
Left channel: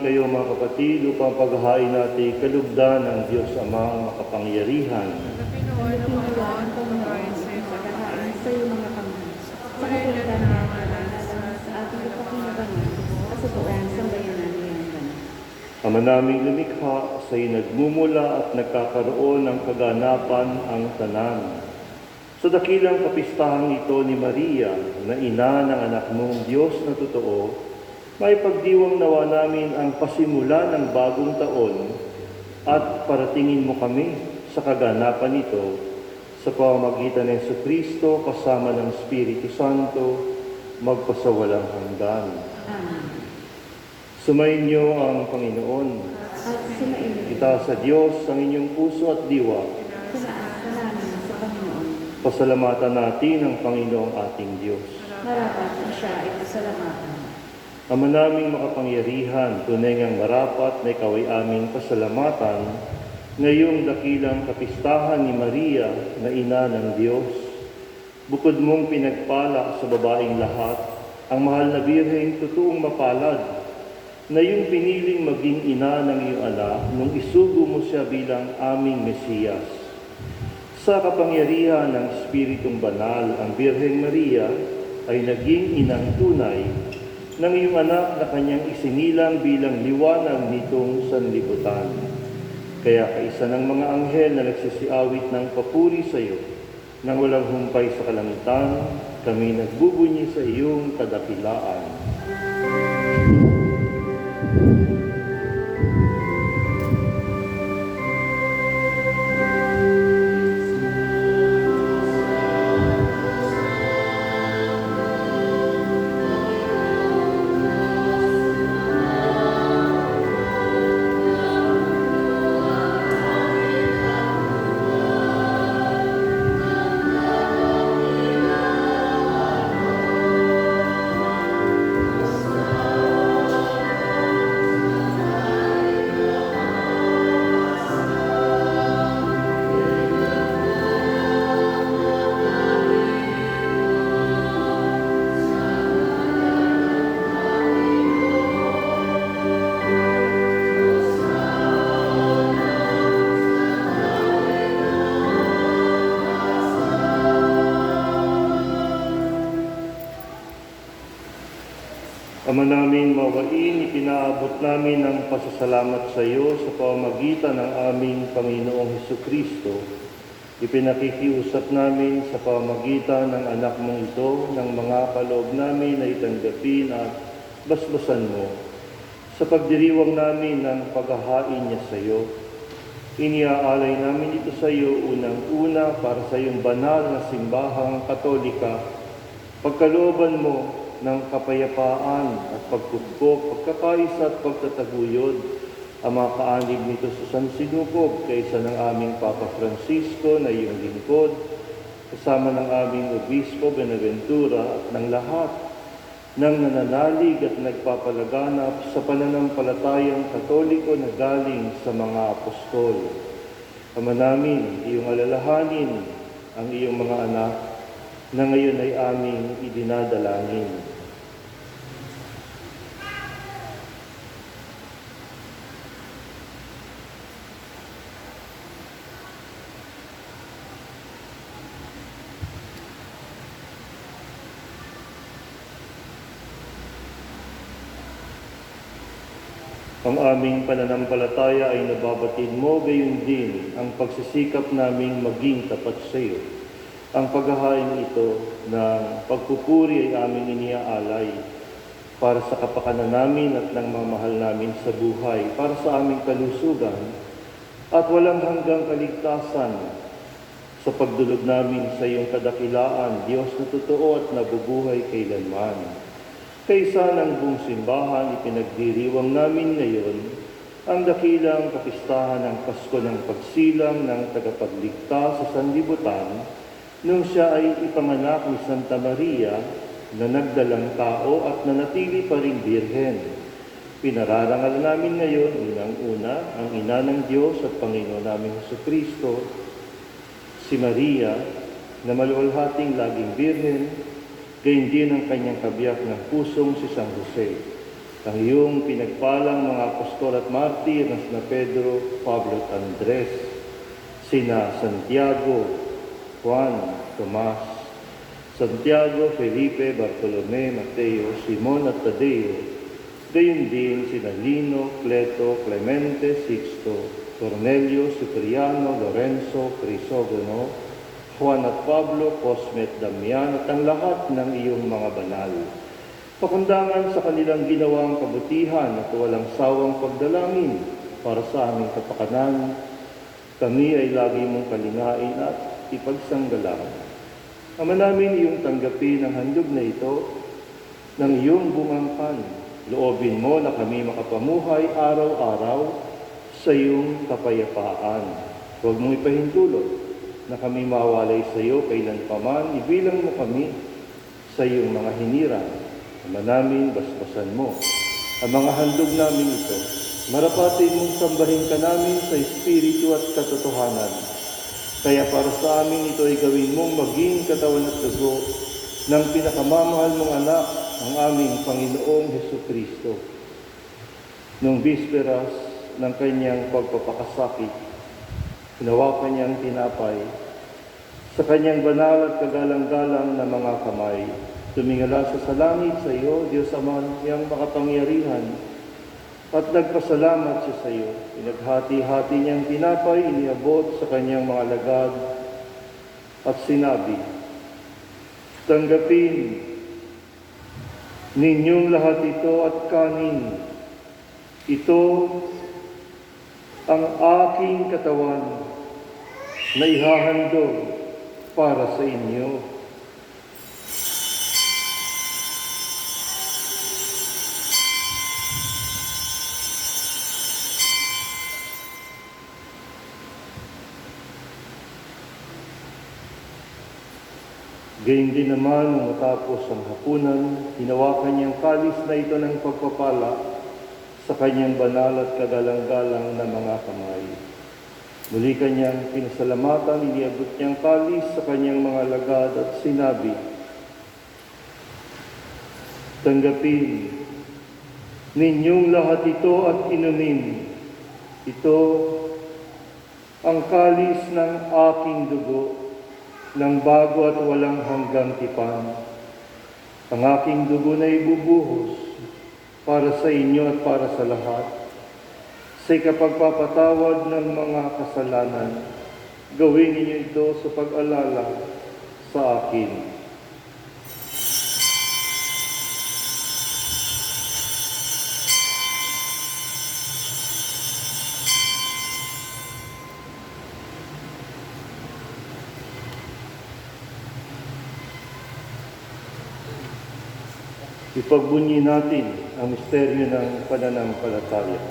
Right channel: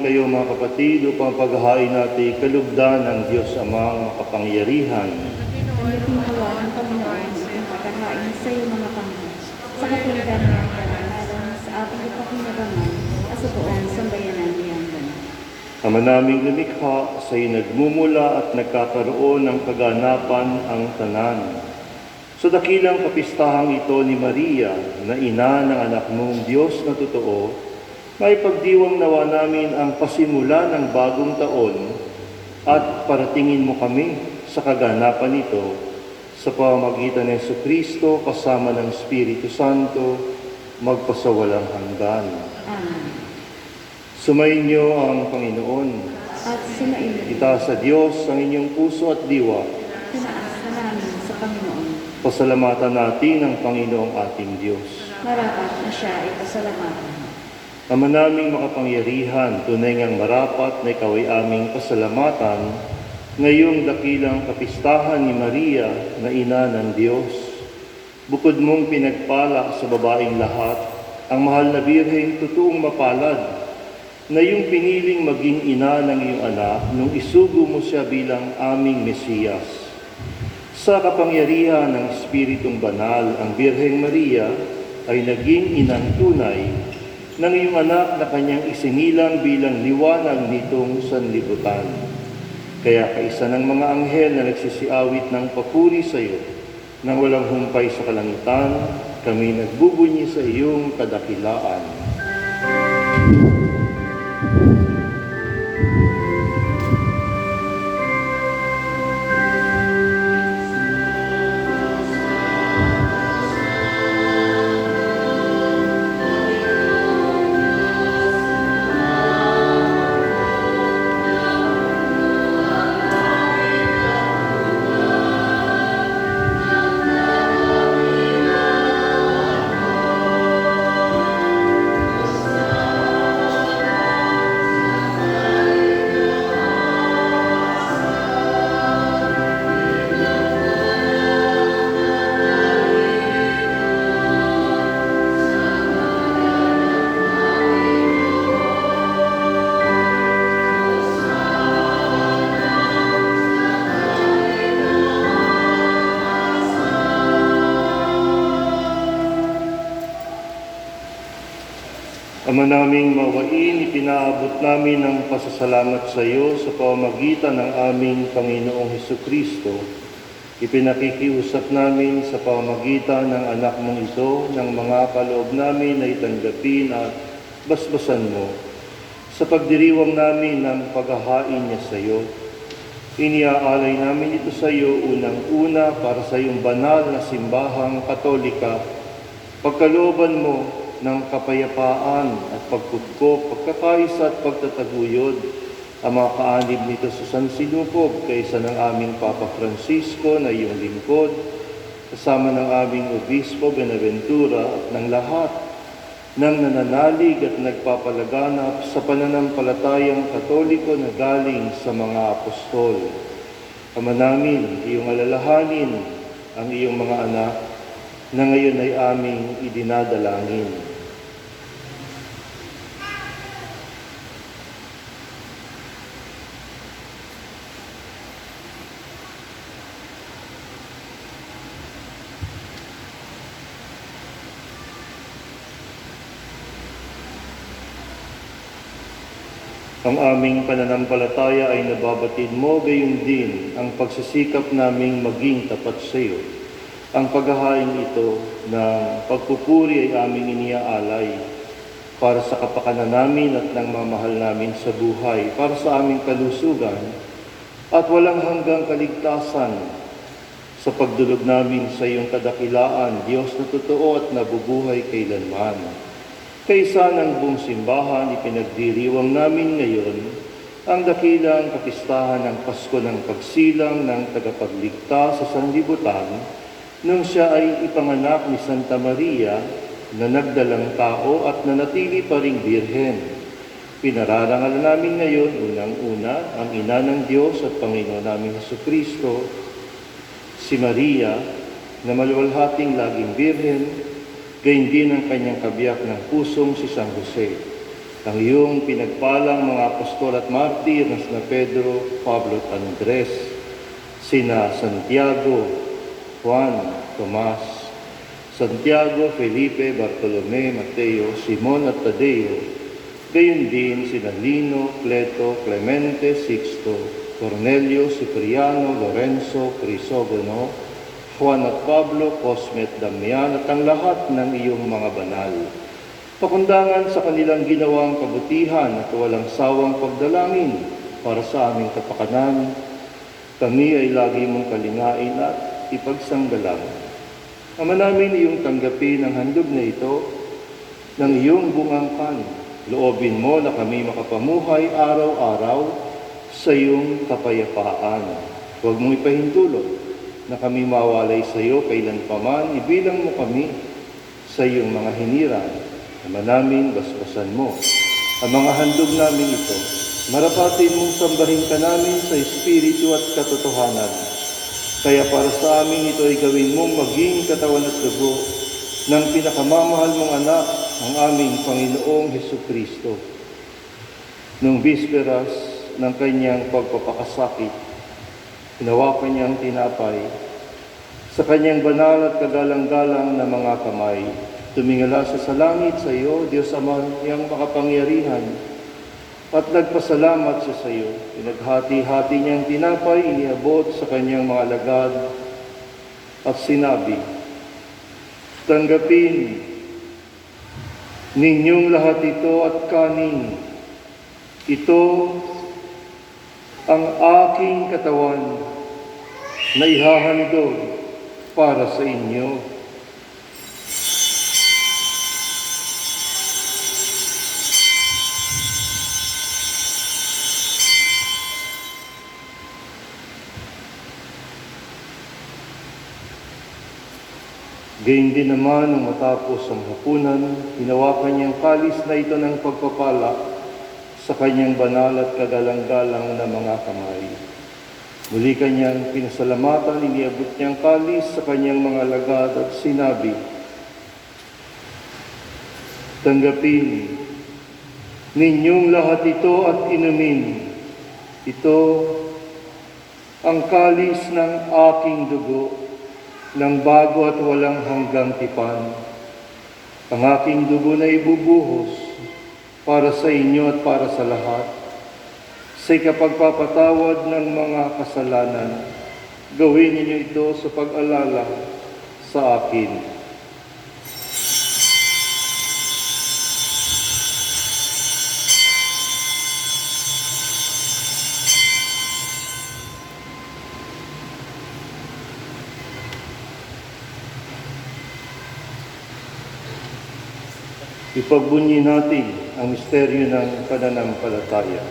kayo mga kapatid upang paghahain natin kalugdan ng Diyos Amang makapangyarihan. Kami pinawala ang Panginoon ang pagkahain sa iyong mga panginoon. Sa kapilitan niya ang karanasan sa ating ipapinagaman sa buong sambayanan niyang ganap. Ama naming lumikha, sa iyo nagmumula at nagkakaroon ng kaganapan ang tanan. Sa dakilang kapistahang ito ni Maria, na ina ng anak mong Diyos na totoo, may pagdiwang nawa namin ang pasimula ng bagong taon at paratingin mo kami sa kaganapan nito sa pamamagitan ng Jesucristo kasama ng Espiritu Santo magpasawalang hanggan. Amen. Sumayin niyo ang Panginoon. At sinainit, Itaas sa Diyos ang inyong puso at diwa. tinaas na namin sa Panginoon. Pasalamatan natin ang Panginoong ating Diyos. Marapat na siya ay pasalamatan. Ama naming makapangyarihan, tunay ngang marapat na ikaw ay aming pasalamatan ngayong dakilang kapistahan ni Maria na ina ng Diyos. Bukod mong pinagpala sa babaeng lahat, ang mahal na birheng totoong mapalad na iyong piniling maging ina ng iyong anak nung isugo mo siya bilang aming Mesiyas. Sa kapangyarihan ng Espiritong Banal, ang Birheng Maria ay naging inang tunay ng iyong anak na kanyang isinilang bilang liwanag nitong sanlibutan. Kaya kaisa ng mga anghel na nagsisiawit ng papuri sa iyo, nang walang humpay sa kalangitan, kami nagbubunyi sa iyong kadakilaan. Ama naming mawain, ipinaabot namin ang pasasalamat sa iyo sa pamamagitan ng aming Panginoong Hesukristo. Ipinakikiusap namin sa pamamagitan ng anak mong ito ng mga kaloob namin na itanggapin at basbasan mo. Sa pagdiriwang namin ng paghahain niya sa iyo, iniaalay namin ito sa iyo unang-una para sa iyong banal na simbahang Katolika. Pagkalooban mo ng kapayapaan at pagkutkop, pagkakaisa at pagtataguyod ang mga kaanib nito sa San Sinukob kaysa ng aming Papa Francisco na iyong lingkod, kasama ng aming Obispo Benaventura at ng lahat ng nananalig at nagpapalaganap sa pananampalatayang Katoliko na galing sa mga apostol. Ama namin, iyong alalahanin ang iyong mga anak na ngayon ay aming idinadalangin. Ang aming pananampalataya ay nababatid mo, gayon din ang pagsisikap naming maging tapat sa iyo. Ang paghahain ito ng pagpupuri ay aming iniaalay para sa kapakanan namin at ng mamahal namin sa buhay, para sa aming kalusugan at walang hanggang kaligtasan sa pagdulog namin sa iyong kadakilaan, Diyos na totoo at nabubuhay kailanman. Kaysa ng buong simbahan, ipinagdiriwang namin ngayon ang dakilang kapistahan ng Pasko ng Pagsilang ng Tagapagligtas sa sanlibutan nung siya ay ipanganak ni Santa Maria na nagdalang tao at nanatili pa ring birhen. Pinararangal namin ngayon unang-una ang Ina ng Diyos at Panginoon naming Jesucristo, si Maria na maluwalhating laging birhen, gayon din ang kanyang kabiyak ng pusong si San Jose. ang iyong pinagpalang mga apostol at martir na sina Pedro, Pablo at Andres, sina Santiago, Juan, Tomas, Santiago, Felipe, Bartolome, Mateo, Simon at Tadeo, gayon din sina Lino, Cleto, Clemente, Sixto, Cornelio, Cipriano, Lorenzo, Crisogono, Juan at Pablo, Cosme at Damian at ang lahat ng iyong mga banal. Pakundangan sa kanilang ginawang kabutihan at walang sawang pagdalangin para sa aming kapakanan, kami ay lagi mong kalingain at ipagsanggalan. Ama namin, iyong tanggapin ang handog na ito ng iyong bungangkan. Loobin mo na kami makapamuhay araw-araw sa iyong kapayapaan. Huwag mong ipahintulot na kami mawalay sa iyo kailanpaman. Ibilang mo kami sa iyong mga hinirang. Ama namin, basbasan mo ang mga handog namin ito. Marapatin mong sambahin ka namin sa espiritu at katotohanan. Kaya para sa amin ito ay gawin mong maging katawan at dugo ng pinakamamahal mong anak, ang aming Panginoong Hesukristo. Nung bisperas ng kanyang pagpapakasakit, hinawakan niyang tinapay, sa kanyang banal at kagalang-galang na mga kamay, tumingala sa langit sa iyo, Diyos Ama niyang makapangyarihan, at nagpasalamat siya sa iyo. Pinaghati-hati niyang tinapay, iniabot sa kanyang mga alagad, at sinabi, tanggapin ninyong lahat ito at kanin. Ito ang aking katawan na ihahandog para sa inyo. Gayun din naman, nung matapos ang hapunan, hinawakan niyang kalis na ito ng pagpapala sa kanyang banal at kagalang-galang na mga kamay. Muli kanyang pinasalamatan, iniabot niyang kalis sa kanyang mga alagad at sinabi, tanggapin ninyong lahat ito at inumin. Ito ang kalis ng aking dugo, ng bago at walang hanggang tipan. Ang aking dugo na ibubuhos para sa inyo at para sa lahat, sa ikapagpapatawad ng mga kasalanan. Gawin ninyo ito sa pag-alala sa akin. Ipagbunyi natin ang misteryo ng pananampalataya.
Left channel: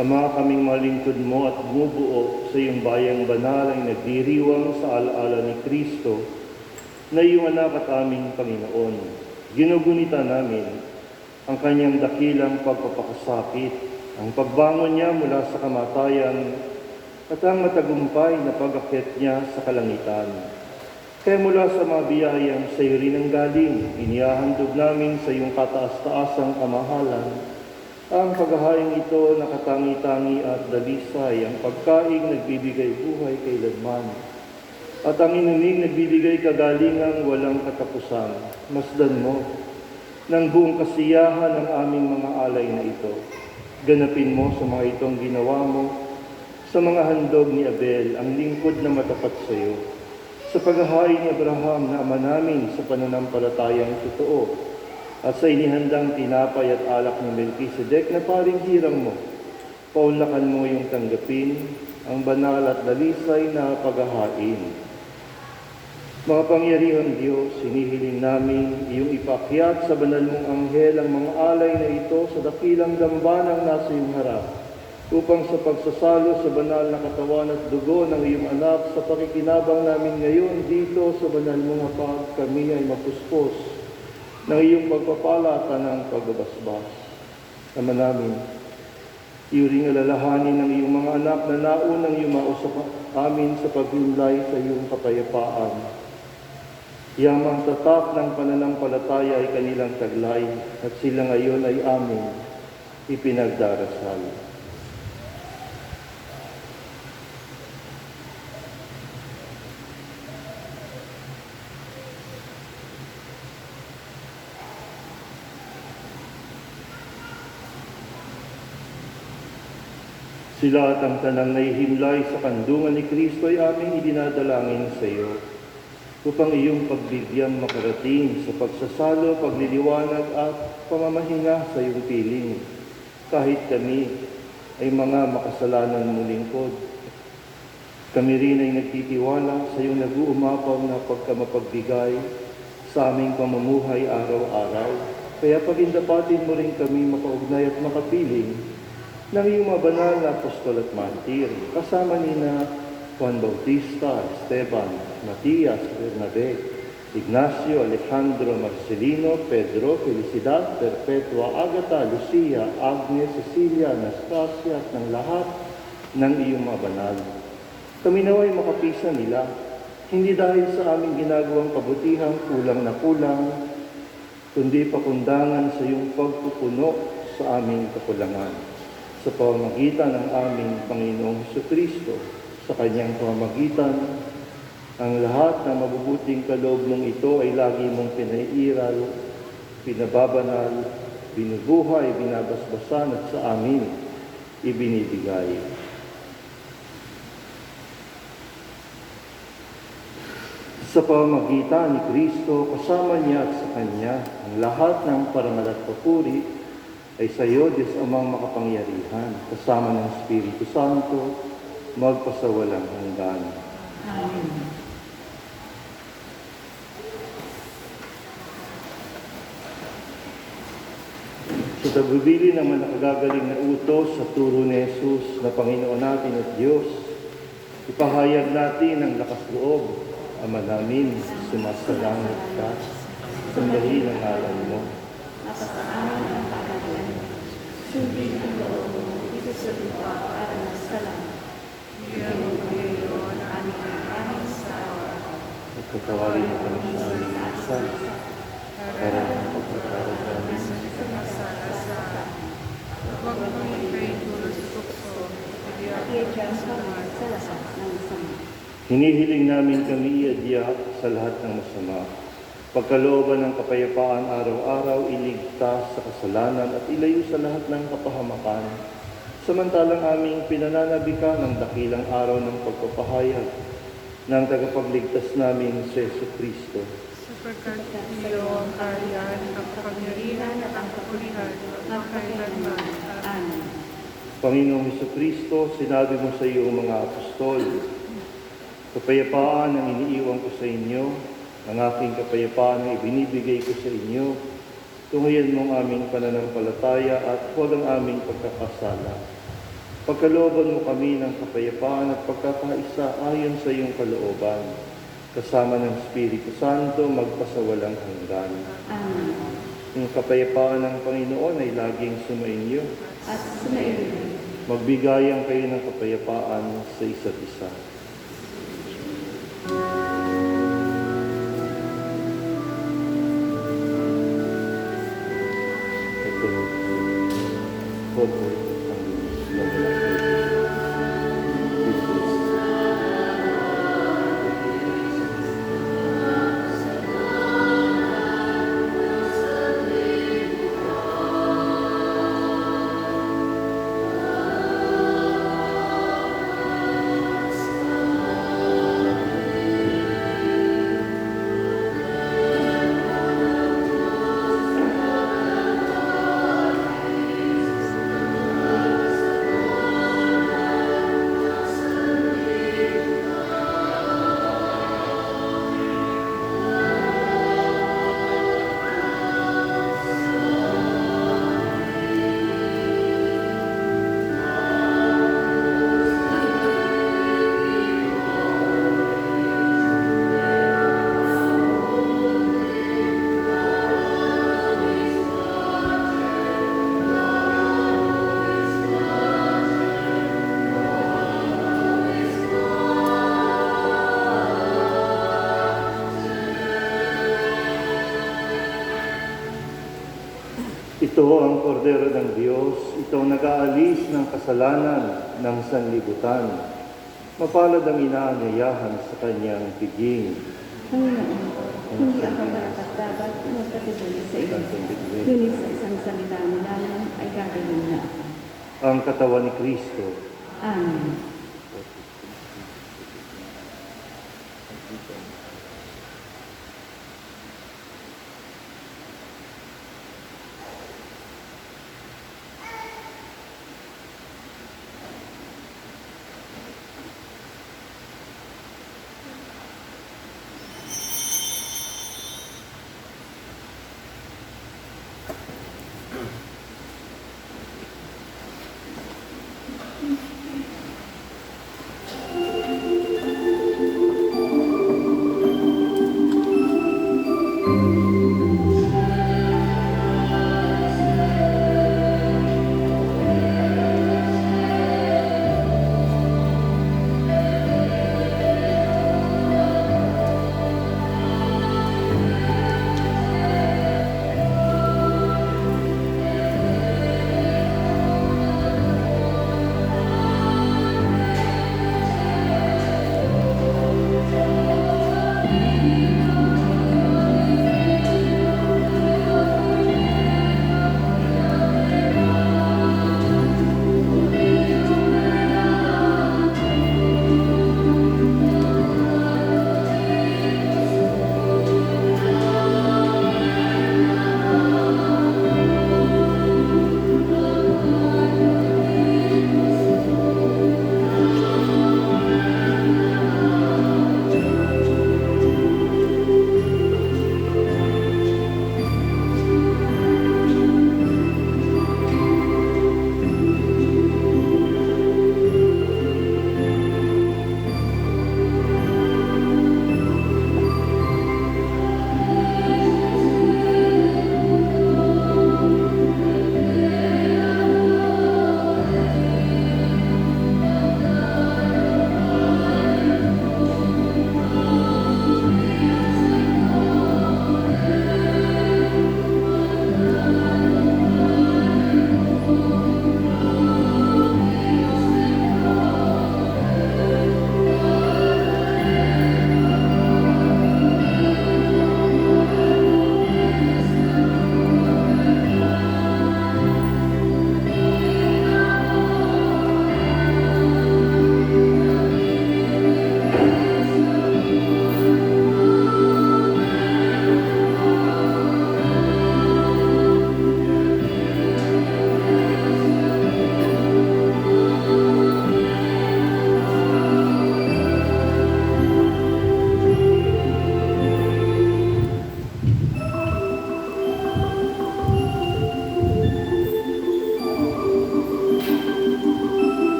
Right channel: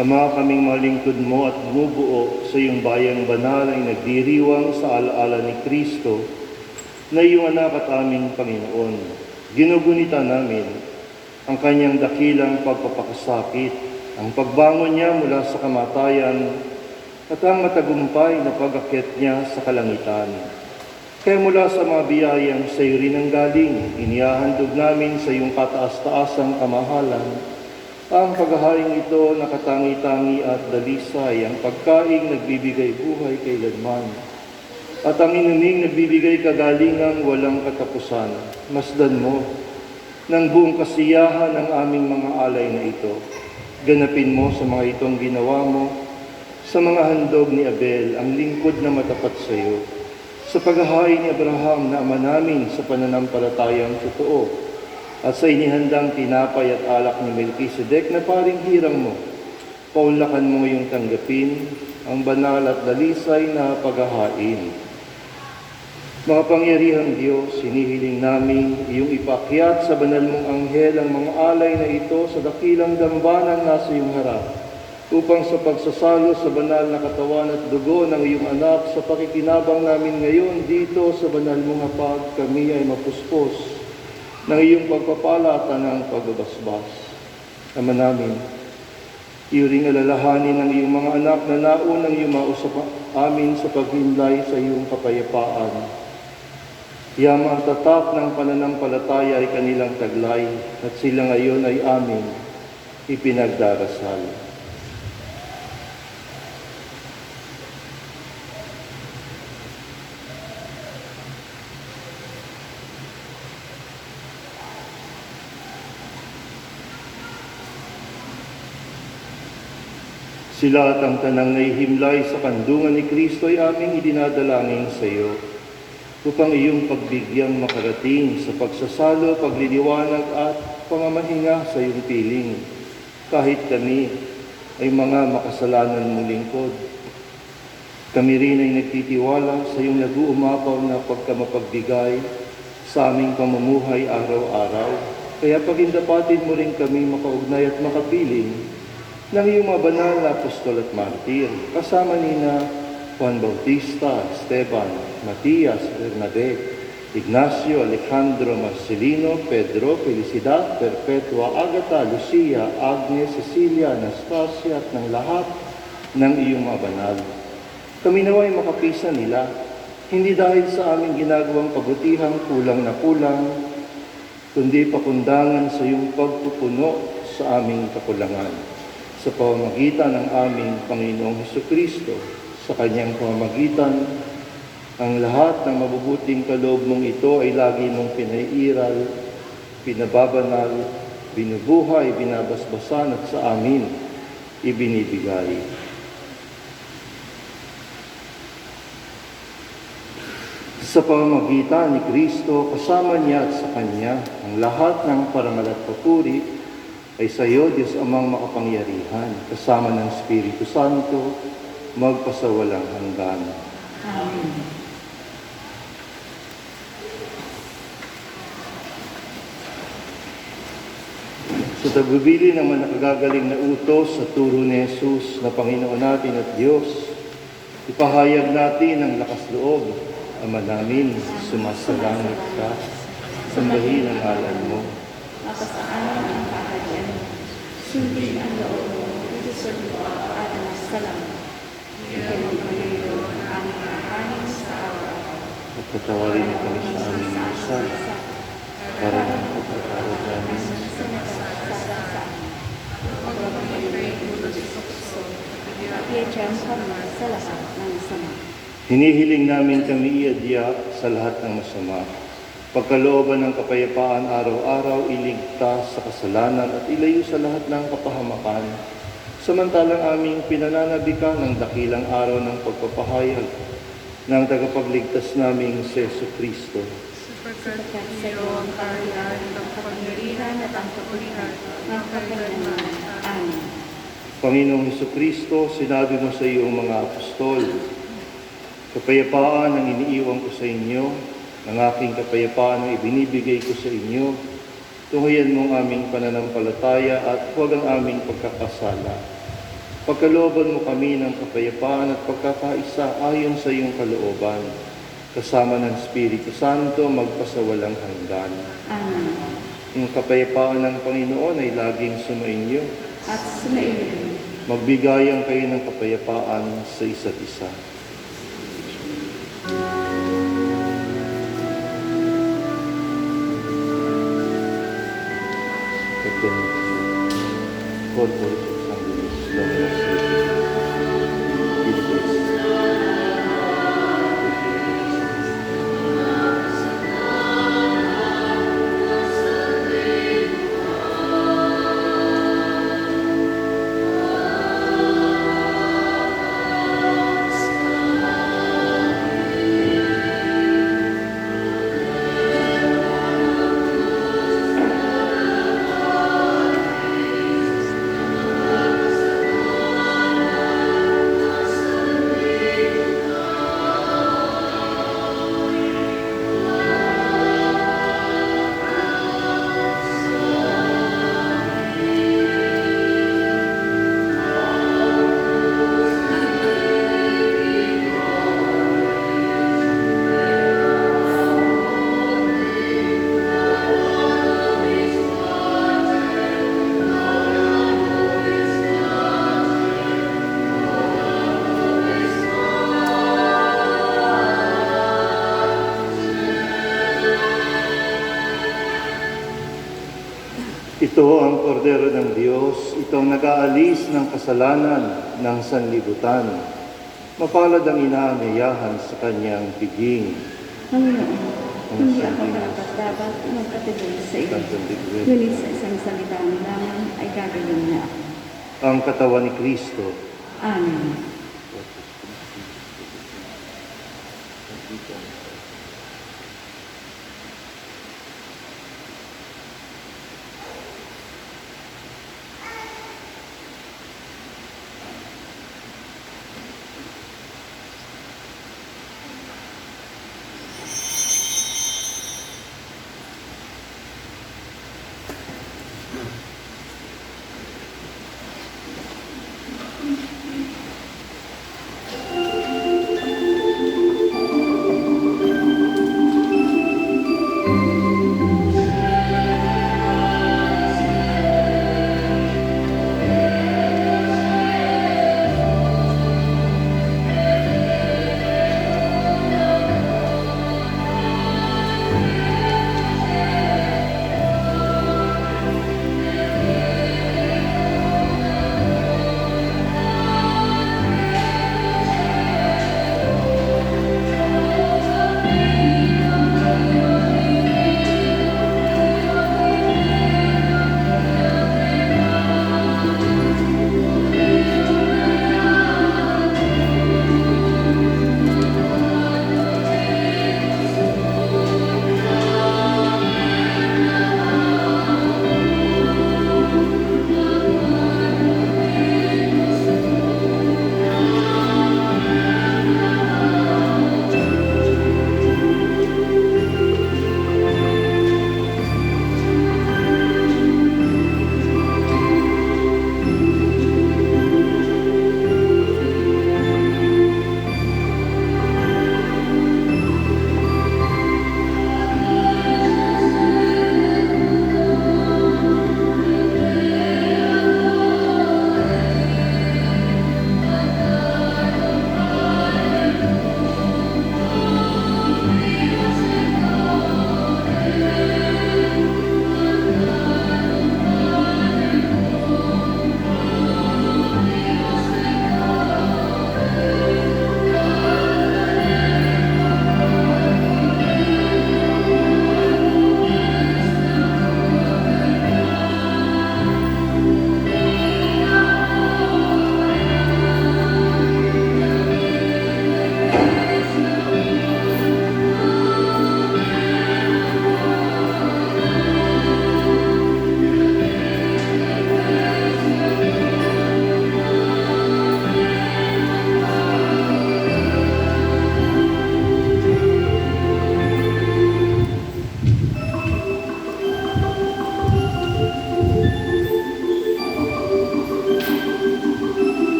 Ama, kaming mga lingkod mo at bumubuo sa iyong bayang banal ay nagdiriwang sa alaala ni Kristo na iyong anak at aming Panginoon. Ginugunita namin ang kanyang dakilang pagpapakasakit, ang pagbangon niya mula sa kamatayan at ang matagumpay na pag-akyat niya sa kalangitan. Kaya mula sa mga biyayang sa iyo rin ang galing, inihahandog namin sa iyong kataas-taasang kamahalan ang paghahaing ito na katangi-tangi at dalisay, ang pagkaing nagbibigay buhay kailanman, at ang inuming nagbibigay kagalingang walang katapusan. Masdan mo ng buong kasiyahan ng aming mga alay na ito. Ganapin mo sa mga itong ginawa mo, sa mga handog ni Abel, ang lingkod na matapat sa iyo, sa paghahain ni Abraham na ama namin sa pananampalatayang totoo, at sa inihandang tinapay at alak ni Melchizedek na paring hirang mo, paunlakan mo ngayong tanggapin ang banal at dalisay na paghahain. Mga pangyarihang Diyos, hinihiling namin iyong ipakyat sa banal mong anghel ang mga alay na ito sa dakilang dambanan nasa iyong harap, upang sa pagsasalo sa banal na katawan at dugo ng iyong anak sa pakikinabang namin ngayon dito sa banal mong hapag, kami ay mapuspos ng iyong pagpapala at ng pagbabasbas. Ama namin, iyo ring alalahanin ng iyong mga anak na naunang yumausap amin sa paghimlay sa iyong kapayapaan. Yamang tatak ng pananampalataya ay kanilang taglay at sila ngayon ay amin ipinagdarasal. Sila at ang tanang naihimlay sa kandungan ni Kristo ay aming idinadalangin sa iyo, upang iyong pagbigyan makarating sa pagsasalo, pagliliwanag at pamamahinga sa iyong piling, kahit kami ay mga makasalanan mong lingkod. Kami rin ay nagtitiwala sa iyong nag-uumapaw na pagkamapagbigay sa aming pamumuhay araw-araw. Kaya pagindapatin mo rin kami makaugnay at makapiling ng iyong mga banal na apostol at martir, kasama nina Juan Bautista, Esteban, Matias, Bernabé, Ignacio, Alejandro, Marcelino, Pedro, Felicidad, Perpetua, Agata, Lucia, Agnes, Cecilia, Anastasia at ng lahat ng iyong mga banal. Kami nawa'y makapisan nila, hindi dahil sa aming ginagawang kabutihan kulang na kulang, kundi pakundangan sa iyong pagpupuno sa aming kakulangan. Sa pamamagitan ng aming Panginoong Hesukristo, sa kanyang pamamagitan, ang lahat ng mabubuting kaloob mong ito ay lagi mong pinaiiral, pinababanal, binubuhay, binabasbasan at sa amin ibinibigay. Sa pamamagitan ni Kristo, kasama niya at sa Kanya, ang lahat ng parangal at papuri ay sa iyo, Diyos Amang makapangyarihan, kasama ng Espiritu Santo, magpasawalang hanggan. Amen. Sa tagbibili ng mga nakagagaling na utos sa turo ni Jesus na Panginoon natin at Diyos, ipahayag natin ang lakas loob. Ama namin, sumasalamat ka, sambahin ang ngalan mo. Mapasaan ang kaharian. Sundin ang loob mo, isusunod mo at salamat. Bigyan mo ng tuyo na aming kakanin sa araw-araw. At patawarin mo kami sa aming masa, para ng pagkakaroon namin sa nagsasasaan. Huwag mo magiging pulos tukso at Iadyan sa mga sa lahat ng sama. hinihiling namin kami iadya sa lahat ng masama. Pagkalooban ng kapayapaan araw-araw, iligtas sa kasalanan at ilayo sa lahat ng kapahamakan. Samantalang aming pinananabikan ng dakilang araw ng pagpapahayag ng tagapagligtas naming si Jesucristo. sapagkat sa iyo ang kaharian, ang kapangyarihan at ang kapulihan ng kailanman. Amen. Panginoong Jesucristo, sinabi mo sa iyong mga apostol, kapayapaan ang iniiwan ko sa inyo, ang aking kapayapaan ang ibinibigay ko sa inyo. Tunguyan mo ang aming pananampalataya at huwag ang aming pagkakasala. Pagkalooban mo kami ng kapayapaan at pagkakaisa ayon sa iyong kalooban, kasama ng Espiritu Santo magpasawalang hanggan. Amen. Yung kapayapaan ng Panginoon ay laging sumainyo. At sumainyo. Magbigayan kayo ng kapayapaan sa isa't isa. Ito ang kordero ng Diyos, itong nag-aalis ng kasalanan ng sanlibutan. Mapalad ang inaanyayahan sa kanyang piging. Panginoon, hindi ako dapat magkatibig sa iyo. Ngunit sa isang salita mo namin ay gagawin na. Ang katawan ni Kristo. Amen.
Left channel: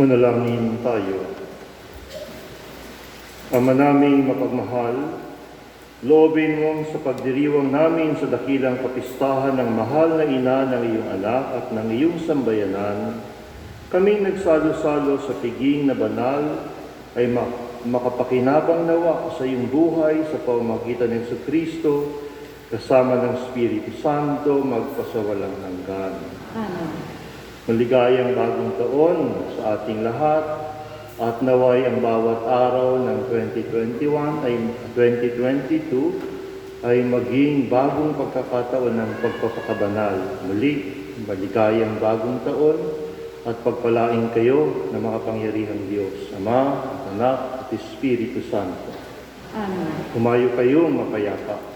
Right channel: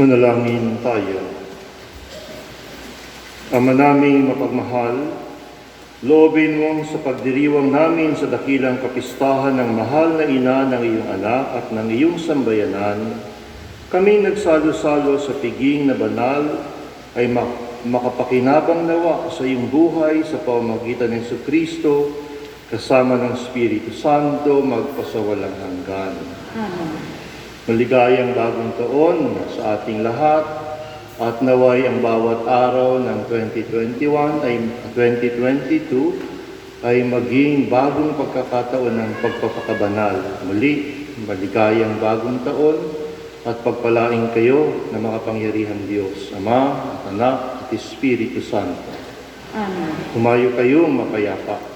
Manalangin tayo. Ama naming mapagmahal, loobin mo sa pagdiriwang namin sa dakilang kapistahan ng mahal na ina ng iyong anak at ng iyong sambayanan, kami nagsalo-salo sa piging na banal ay makapakinabang nawa sa iyong buhay sa pamamagitan ng Kristo kasama ng Espiritu Santo magpasawalang hanggan. Amen. Maligayang bagong taon sa ating lahat at naway ang bawat araw ng 2022 ay maging bagong pagkakataon ng pagpapakabanal. Muli, maligayang bagong taon at pagpalaing kayo ng mga pangyarihang Diyos, Ama at Anak at Espiritu Santo. Amen. Humayo kayong mapayapa.